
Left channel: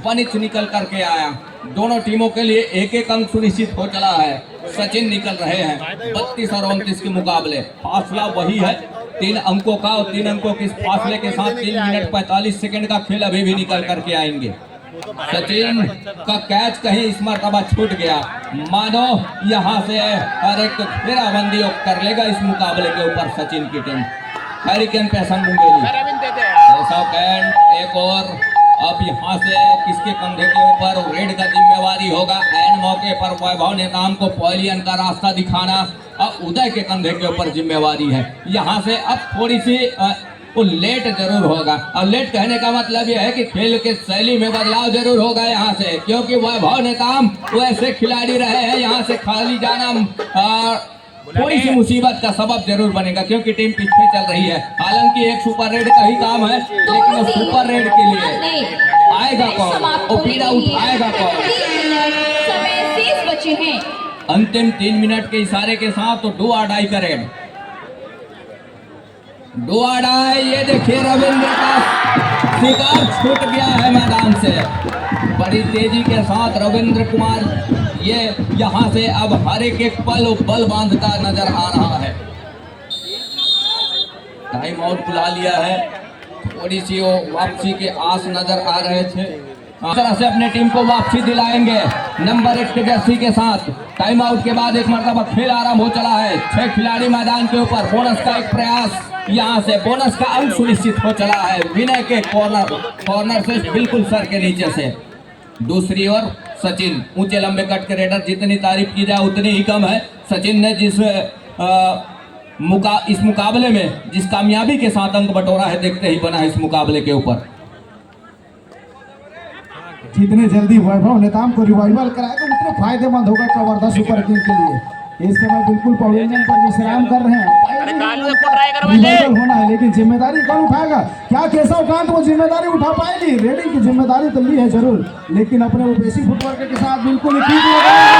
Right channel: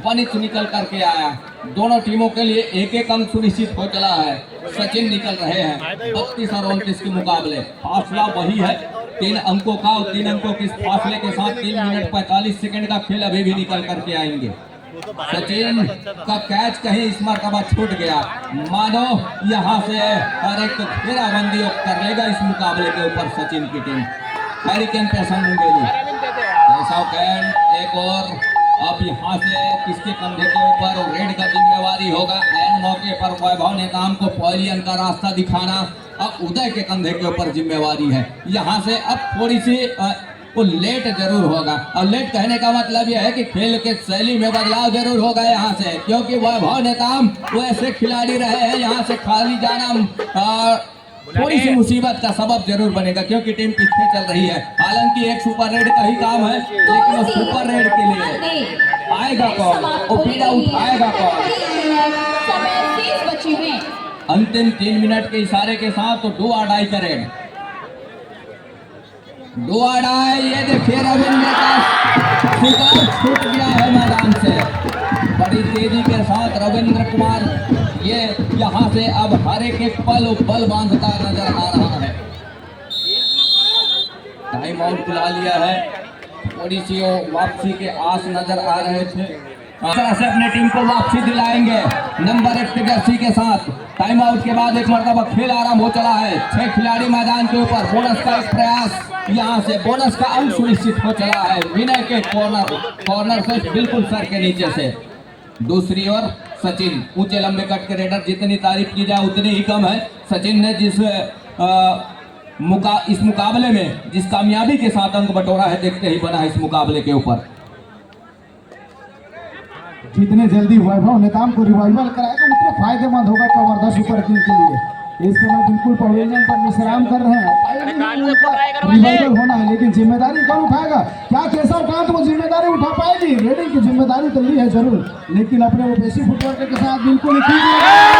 1 इंच निकल करके आया। दोनों टीमों के लिए 1-1 अंक सुनिश्चित हो चला है। सचिन निकल रहे हैं 32 और 29 के मुकाबले। फासला वही है 3 अंकों का, और 3 अंकों के फासले के साथ 3 मिनट 45 सेकंड का खेल अभी भी निकल करके आएंगे। सचिन का कैच कहीं इस मरतबा छूट गया, मानो यहाँ से हर एक घेराबंदी कर लेगा इस मुकाबले के ऊपर सचिन की टीम। हरिकेन पैसन मुंगेली एक और अब यहाँ से किसके कंधे के ऊपर रेड का जिम्मेवारी होगा। एन मौके पर वैभव नेताम को पॉलियन का रास्ता दिखाना अब उदय के कंधे के ऊपर जिम्मेवारी है। यहाँ से अब थोड़ी सी वो लेट जरूर होगा, और लेट कहने का मतलब यह है कि खेल के शैली में बदलाव जरूर होगा यहाँ से, क्योंकि वैभव नेताम वैसे खिलाड़ी रहे हैं, यहाँ से खाली जाना थोड़ी सी मुसीबत का सबब जरूर बनेगा, क्योंकि टीम पीछे चल रही है। हालांकि एक सुपर रेड का ही काम है, लेकिन वो सुपर रेड के लिए आएगा कौन, वो पीड़ा उठाएगा कौन। समय शेष बचे हैं। अंतिम 3 मिनट के इशारे के साथ तो डू और डाई का रेड। डू और डाई, ये देखिए रविंद्र का शिकार छूट गया है मैदान से। बड़ी तेजी के साथ रविंद्र कुमार ये यहाँ से अब हर एक पल बल बांधता नजर आ रहा है। टाइम आउट पिला लिया है, थोड़ी सी वो वापसी के आस नजर आ रहे थे। इस तरह से अपनी टीम को वापसी दिलाएंगे नंबर 1 के जर्सी के साथ। टाइम आउट के बाद एक मरतबा खेल आराम हो चला है। 6 खिलाड़ी मैदान के ऊपर, बोनस का एक प्रयास, यहाँ से बोनस का अंक सुनिश्चित हो चला है विनय के कॉर्नर से बिल्कुल सर के नीचे से। दूसरी ओर सचिन, ऊंचे लंबे कट के रेडर, जितनी तारीफ की जाए उतनी ही कम है। सचिन ने इस मुकाबले में जिस कामयाबी के साथ अंक बटोरा है, देखते ही बना है इस मुकाबले के ऊपर। जितने जल्दी वैभव नेताम को रिवाइवल कराएगा उतने फायदेमंद होगा कवर्धा सुपर किंग के लिए। इस समय बिल्कुल पवेलियन पर विश्राम कर रहे हैं। रिवाइवल होना है लेकिन जिम्मेदारी कौन उठाएगा? क्या केशव कांत वो जिम्मेदारी उठा पाएगी? रेडिंग की जिम्मेदारी तो ली है जरूर, लेकिन अपने वो बेसी फुटवर्क के साथ बिल्कुल ठीक लगाएंगे।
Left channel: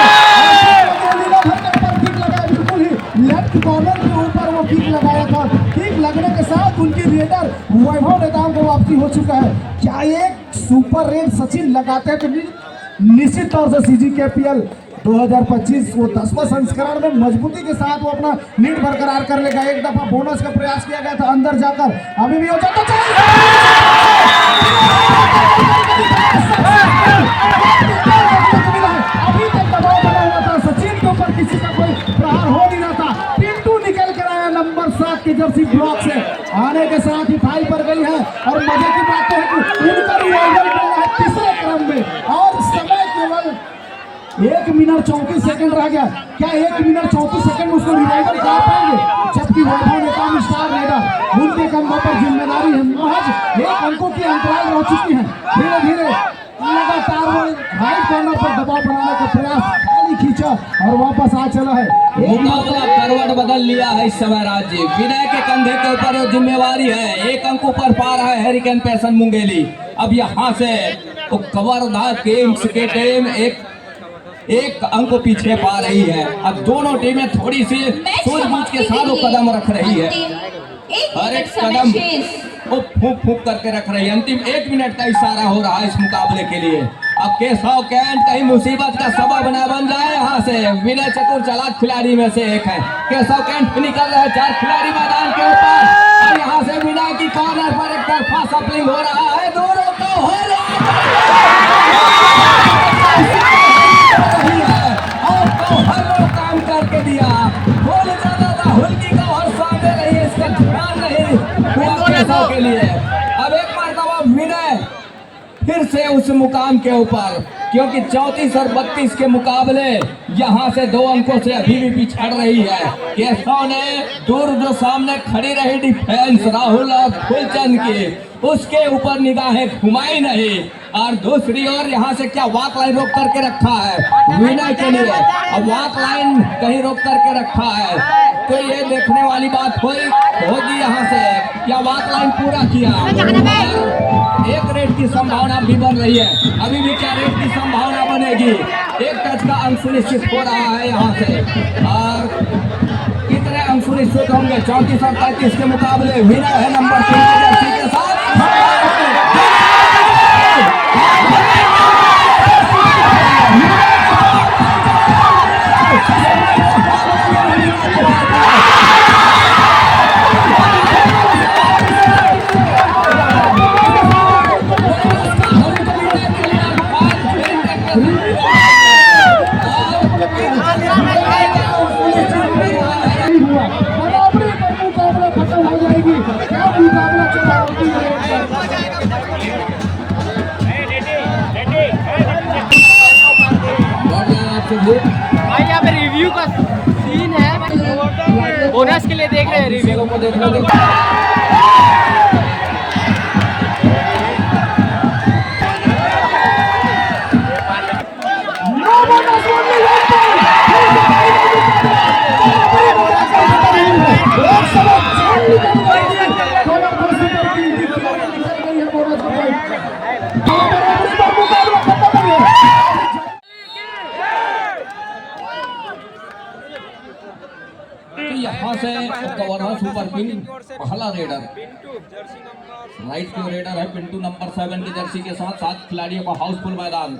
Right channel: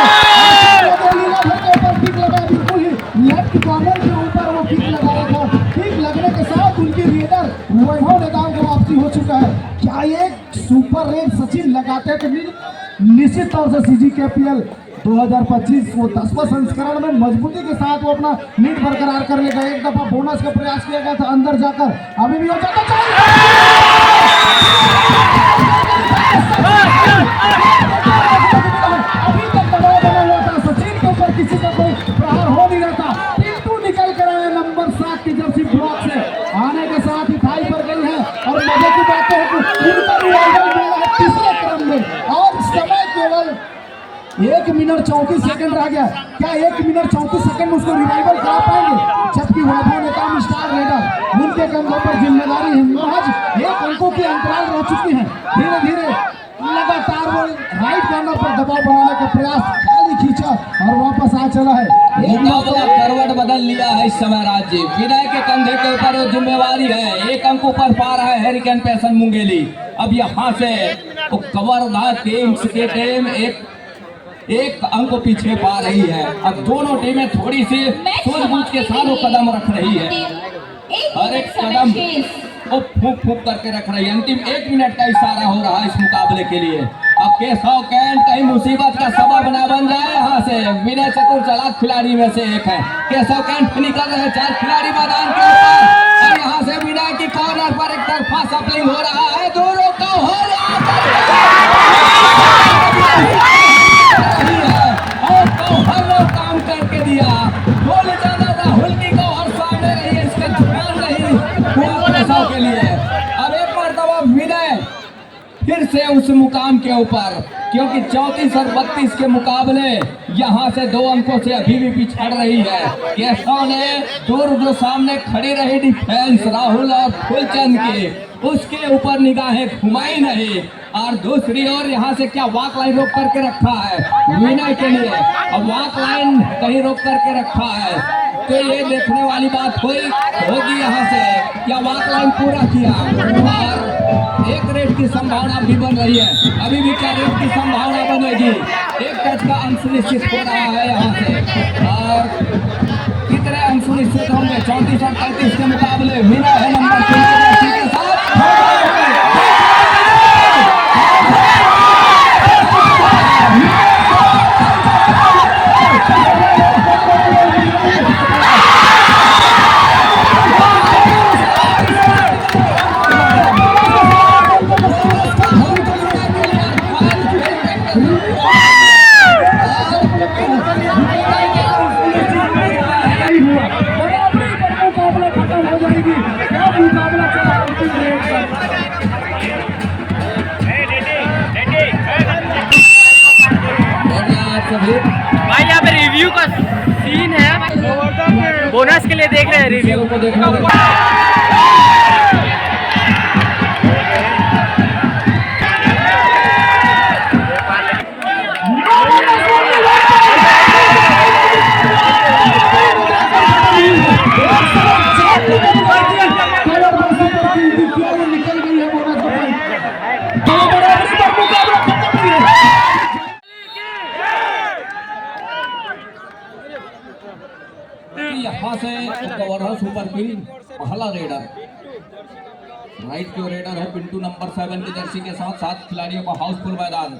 बिल्कुल ही लेफ्ट कॉर्नर के ऊपर वो किक लगाया था। किक लगने के साथ उनकी रेडर वैभव नेताम को वापसी हो चुका है। क्या एक सुपर रेड सचिन लगाते हैं तो निश्चित तौर से CGKPL 2025 वो 10वां संस्करण में मजबूती के साथ वो अपना लीड बरकरार कर लेगा। एक दफा बोनस का प्रयास किया गया था अंदर जाकर, अभी भी हो जाता अभी तक दबाव बना हुआ था सचिन के ऊपर, किसी का कोई प्रहार हो नहीं रहा था। पिंटू निकल कर आया नंबर 7 की जर्सी ब्लॉक से, आने के साथ ही थाई पर गई है। और मजे की बात है कि उनका रिवाइवल मिल रहा है तीसरे क्रम में, और समय केवल 1 मिनट 34 सेकंड रह गया। क्या 1 मिनट 34 सेकंड में उसको रिवाइवल करा पाएंगे? जबकि वैभव नेताम स्टार रेडर, उनके कंधों पर जिम्मेदारी है। महज 1 अंकों की अंतराल रह चुकी है। धीरे धीरे लगातार वो राइट कॉर्नर पर दबाव बनाने का प्रयास खाली खींचा और वापस आ चला है। मुकाबला करवट बदल लिया है इस समय राज्य। विनय के कंधे के ऊपर जिम्मेवारी है। 1 अंक ऊपर पा रहा है हैरिकेन पैसन मुंगेली। अब यहाँ से कवर्धा किंग्स की टीम एक अंक पीछे पा रही है। अब दोनों टीमें थोड़ी सी सूझबूझ के साथ वो कदम रख रही है। हर एक कदम वो फूक फूक करके रख रही है। अंतिम 1 मिनट का इशारा हो रहा है इस मुकाबले के लिए। अब केशव कैंट कहीं मुसीबत का सबब ना बन जाए। यहाँ से विनय चतुर चालाक खिलाड़ी में से एक है। केशव कैंट निकल रहे 4 खिलाड़ी मैदान के ऊपर, और यहाँ से विनय की कॉर्नर पर एक तरफा सफलिंग हो रहा है। दोनों को हो रही है और हर लोग काम करके दिया। बोल जाता था हुल्की को और सामने रही, इसका ध्यान नहीं केशव के लिए। अब एक मरतबा विनय फिर से उस मुकाम के ऊपर, क्योंकि 34 और 32 के मुकाबले यहाँ से 2 अंकों से अभी भी पिछड़ रही है। केशव ने दूर जो सामने खड़ी रही डिफेंस राहुल और फुलचंद की, उसके ऊपर निगाहें घुमाई नहीं। और दूसरी ओर यहाँ से क्या वॉक लाइन रोक करके रखा है विनय के लिए। अब वॉक लाइन कहीं रोक करके रखा है तो ये देखने वाली बात होगी यहाँ से क्या वॉक लाइन पूरा किया। एक रेड की संभावना भी बन रही है। अभी भी क्या रेड की संभावना बनेगी? एक टच का अंक सुनिश्चित हो रहा है यहाँ से। और कितने अंक सुनिश्चित होंगे? 34 और 33 के मुकाबले विनय है नंबर 3 के जर्सी के साथ। भाई यहाँ पे रिव्यू का सीन है, बोनस के लिए देख रहे हैं रिव्यू को देखना। पिन पहला रेडर, राइट जो रेडर है पिंटू नंबर 7 की जर्सी के साथ 7 खिलाड़ियों का हाउसफुल मैदान।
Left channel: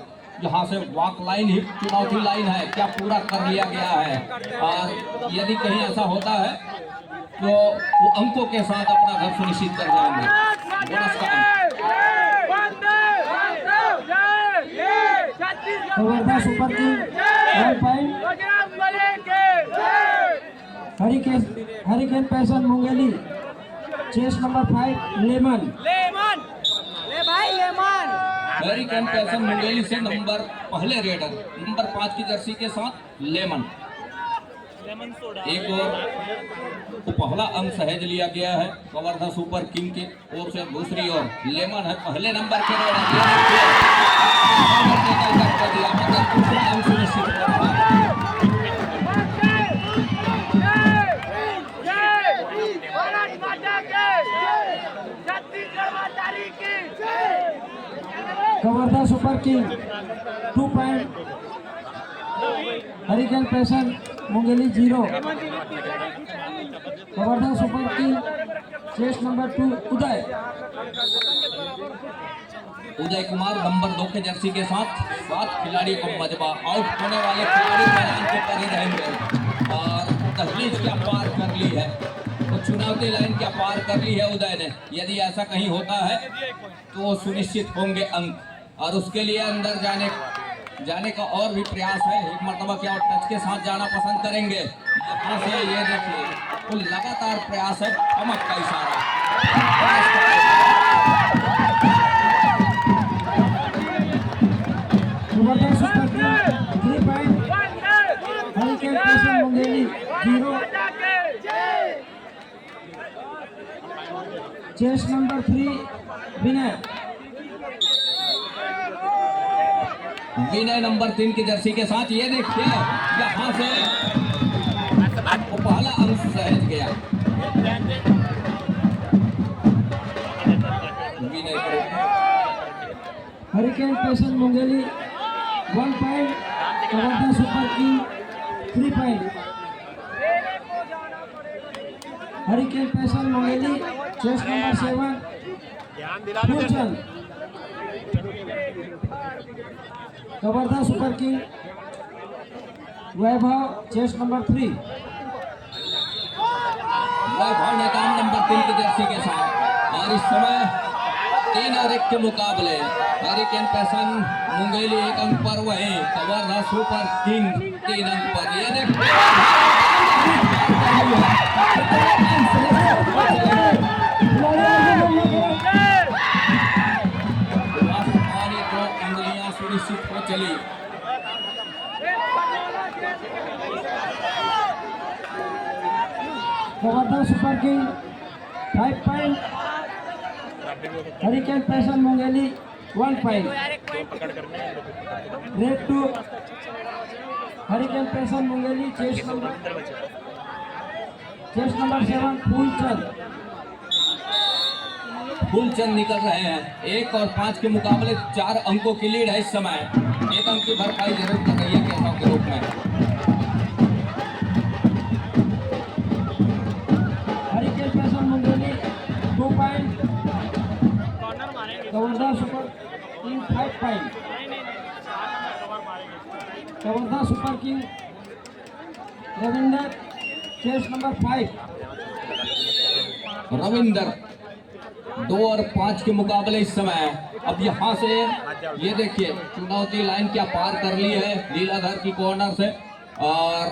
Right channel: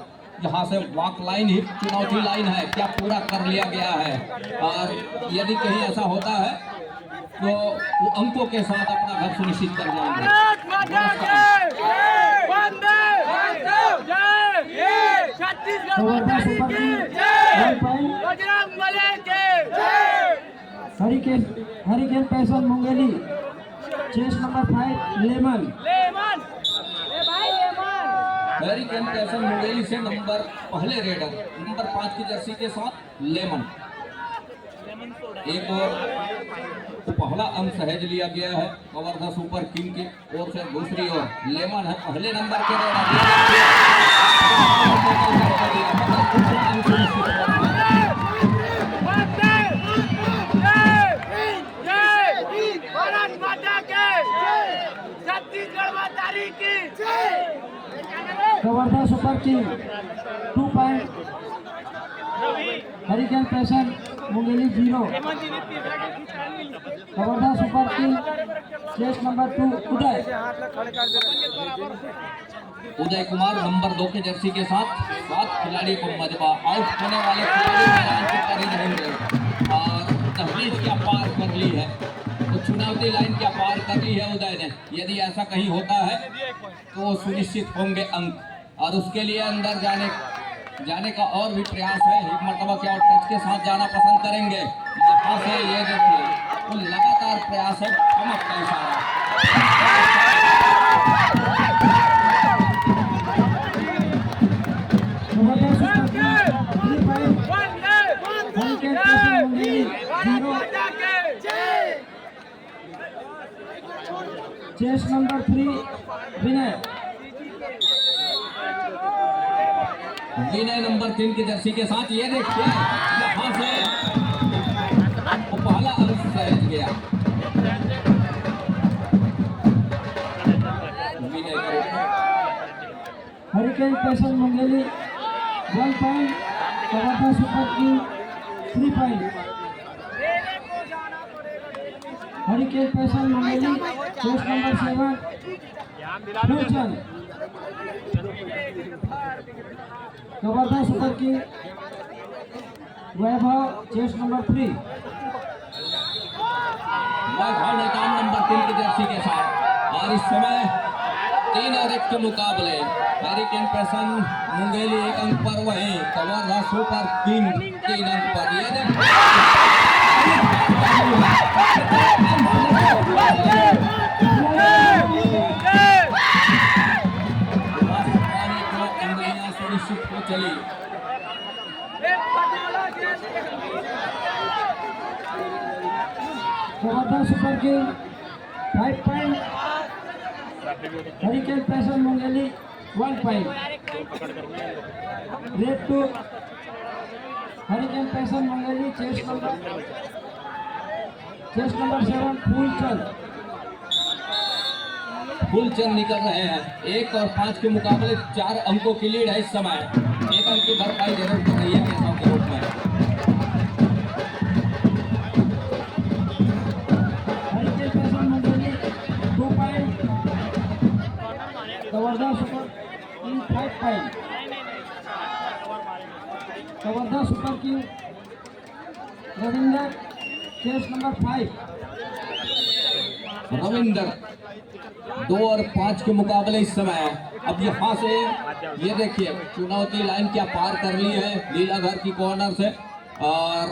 यहाँ से वॉक लाइन ही चुनौती लाइन है, क्या पूरा कर लिया गया है? और यदि कहीं ऐसा होता है तो वो अंकों के साथ अपना घर सुनिश्चित कर जाएंगे। बोनस का अंक। Kawardha super king 1 point. Hurricane पैसन मुंगेली चेस नंबर 5 लेमन। हरिकेन पैसन मुंगेली से नंबर पहले रेडर नंबर 5 की जर्सी के साथ लेमन। एक और तो पहला अंक सहज लिया गया है कवर्धा सुपर किंग की ओर से, दूसरी ओर लेमन है पहले नंबर के रेडर। दूसरा अंक सुनिश्चित हो रहा है। Kawardha super king 2 point. Hurricane पैसन Mungeli 0। Kawardha super king chase number 2 Uday Kumar number 2 के जर्सी के साथ 7 खिलाड़ी को मजबा। आउट होने वाले खिलाड़ी मैदान के पर ही रहेंगे और दहलीज क्या पार कर ली है, तो चुनौती लाइन क्या पार कर ली है उदय ने। यदि ऐसा कहीं होता है तो वो सुनिश्चित होंगे अंक और उसके लिए अंदर जाने का और भी प्रयास है। एक मरतबा क्या टच के साथ जाना पसंद करेंगे। यहाँ से ये देखिए तो लगातार प्रयास है, ठमक का इशारा। Kawardha super king 3 point. Hurricane पैसन Mungeli 0। Chase number 3 Vinay. Vinay number 3 की जर्सी के साथ ये देखिए यहाँ से पहला अंक सहज गया। विनय हरिकेन पैसन Mungeli 1 point. Kawardha super king 3 point. Hurricane पैसन मुंगेली चेस नंबर 7 फ्यूचर। Kawardha super King Vaibhav chest number 3। Vaibhav Netam number 3 की जर्सी के साथ और इस समय 3 और 1 के मुकाबले हरिकेन पैसन मुंगेली 1 अंक पर, वही कवर्धा सुपर किंग 3 अंक पर। ये देखिए सुनिश्चित हो चली। Kawardha super king 5 point. Hurricane पैसन मुंगेली 1 पॉइंट। रेड 2 हरिकेन पैसन मुंगेली चेस नंबर 7 फूलचंद निकल रहे हैं। 1 और 5 के मुकाबले 4 अंकों की लीड है इस समय। 1 अंक की भरपाई जरूर कर रही है कैसन के रूप में। हरिकेन पैसन Mungeli 2 point. Kawardha super king 5 point. Kawardha super king Ravinder chase number 5। Ravinder 2 और 5 के मुकाबले इस समय। अब यहाँ से ये देखिए चुनौती लाइन क्या पार कर ली है लीलाधर की कॉर्नर से, और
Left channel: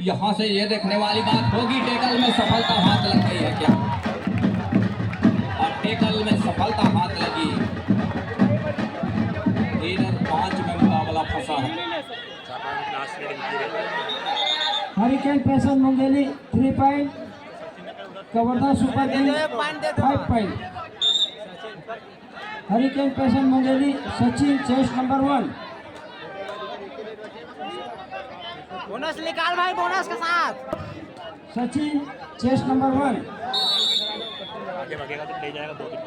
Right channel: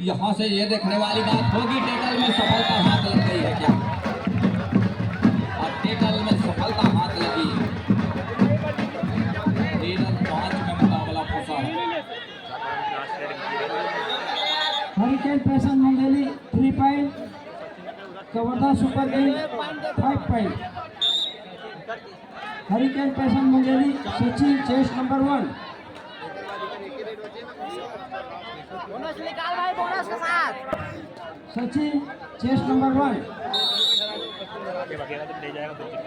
यहाँ से ये देखने वाली बात होगी टेकल में सफलता हाथ लग गई है क्या, और टेकल में सफलता हाथ लगी। 3 और 5 में मुकाबला फंसा है। हरिकेन पैसन Mungeli 3 point. Kawardha super king 5 point. Hurricane पैसन Mungeli Sachin chase number 1। Bonus निकाल भाई, बोनस के साथ। Sachin chase number 1। आगे भागेगा तो ले जाएगा 2 दिन।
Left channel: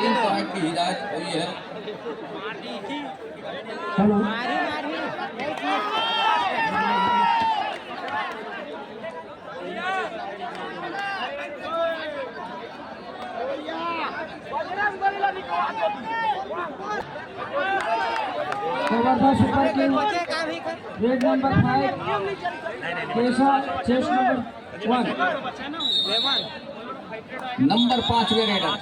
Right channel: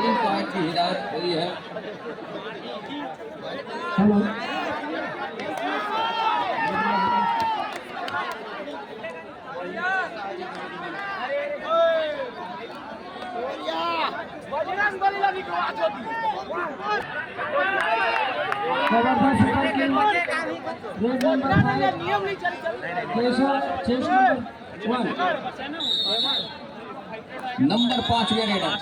तीन पॉइंट की हिदायत हुई है। हेलो जबरदस्त ऊपर kill raid number 5 Keshav chest number 1 number 5 के रेडर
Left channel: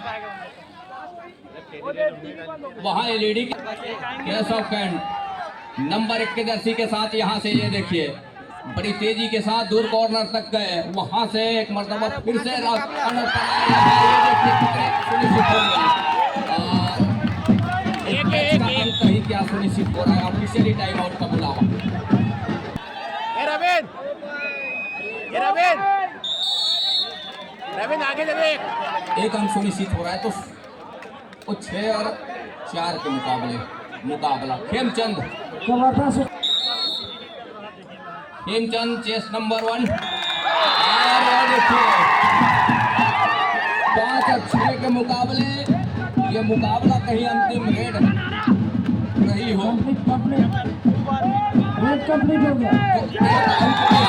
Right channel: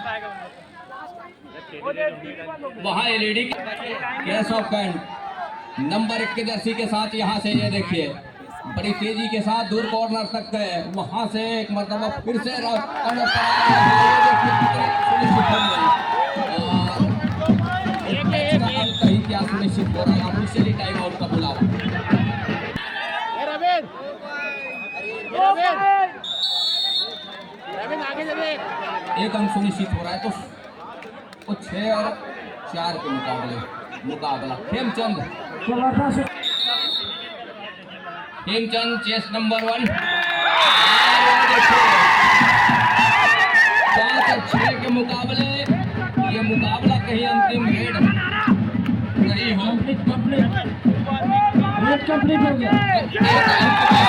वहां एलईडी केशव कैंट नंबर 1 के जर्सी के साथ यहां से ये देखिए बड़ी तेजी के साथ दूर कॉर्नर तक गए, वहां से एक मरतबा फिर से कॉर्नर पर सुनिश्चित हो गई। कहीं क्या सुनिश्चित हो रहा है, ऑफिशियली टाइम आउट का बुलावा। एक अंक सुनिश्चित हो रहा है तो 6 और 4 के मुकाबला खेमचंद जबरदस्त हेमचंद चेस नंबर 1 5 और 6 के मुकाबले ये मुकाबला कहीं अंतिम रेड नहीं हो। कंप्लीट रेड कंप्लीट हो गया। एक अंक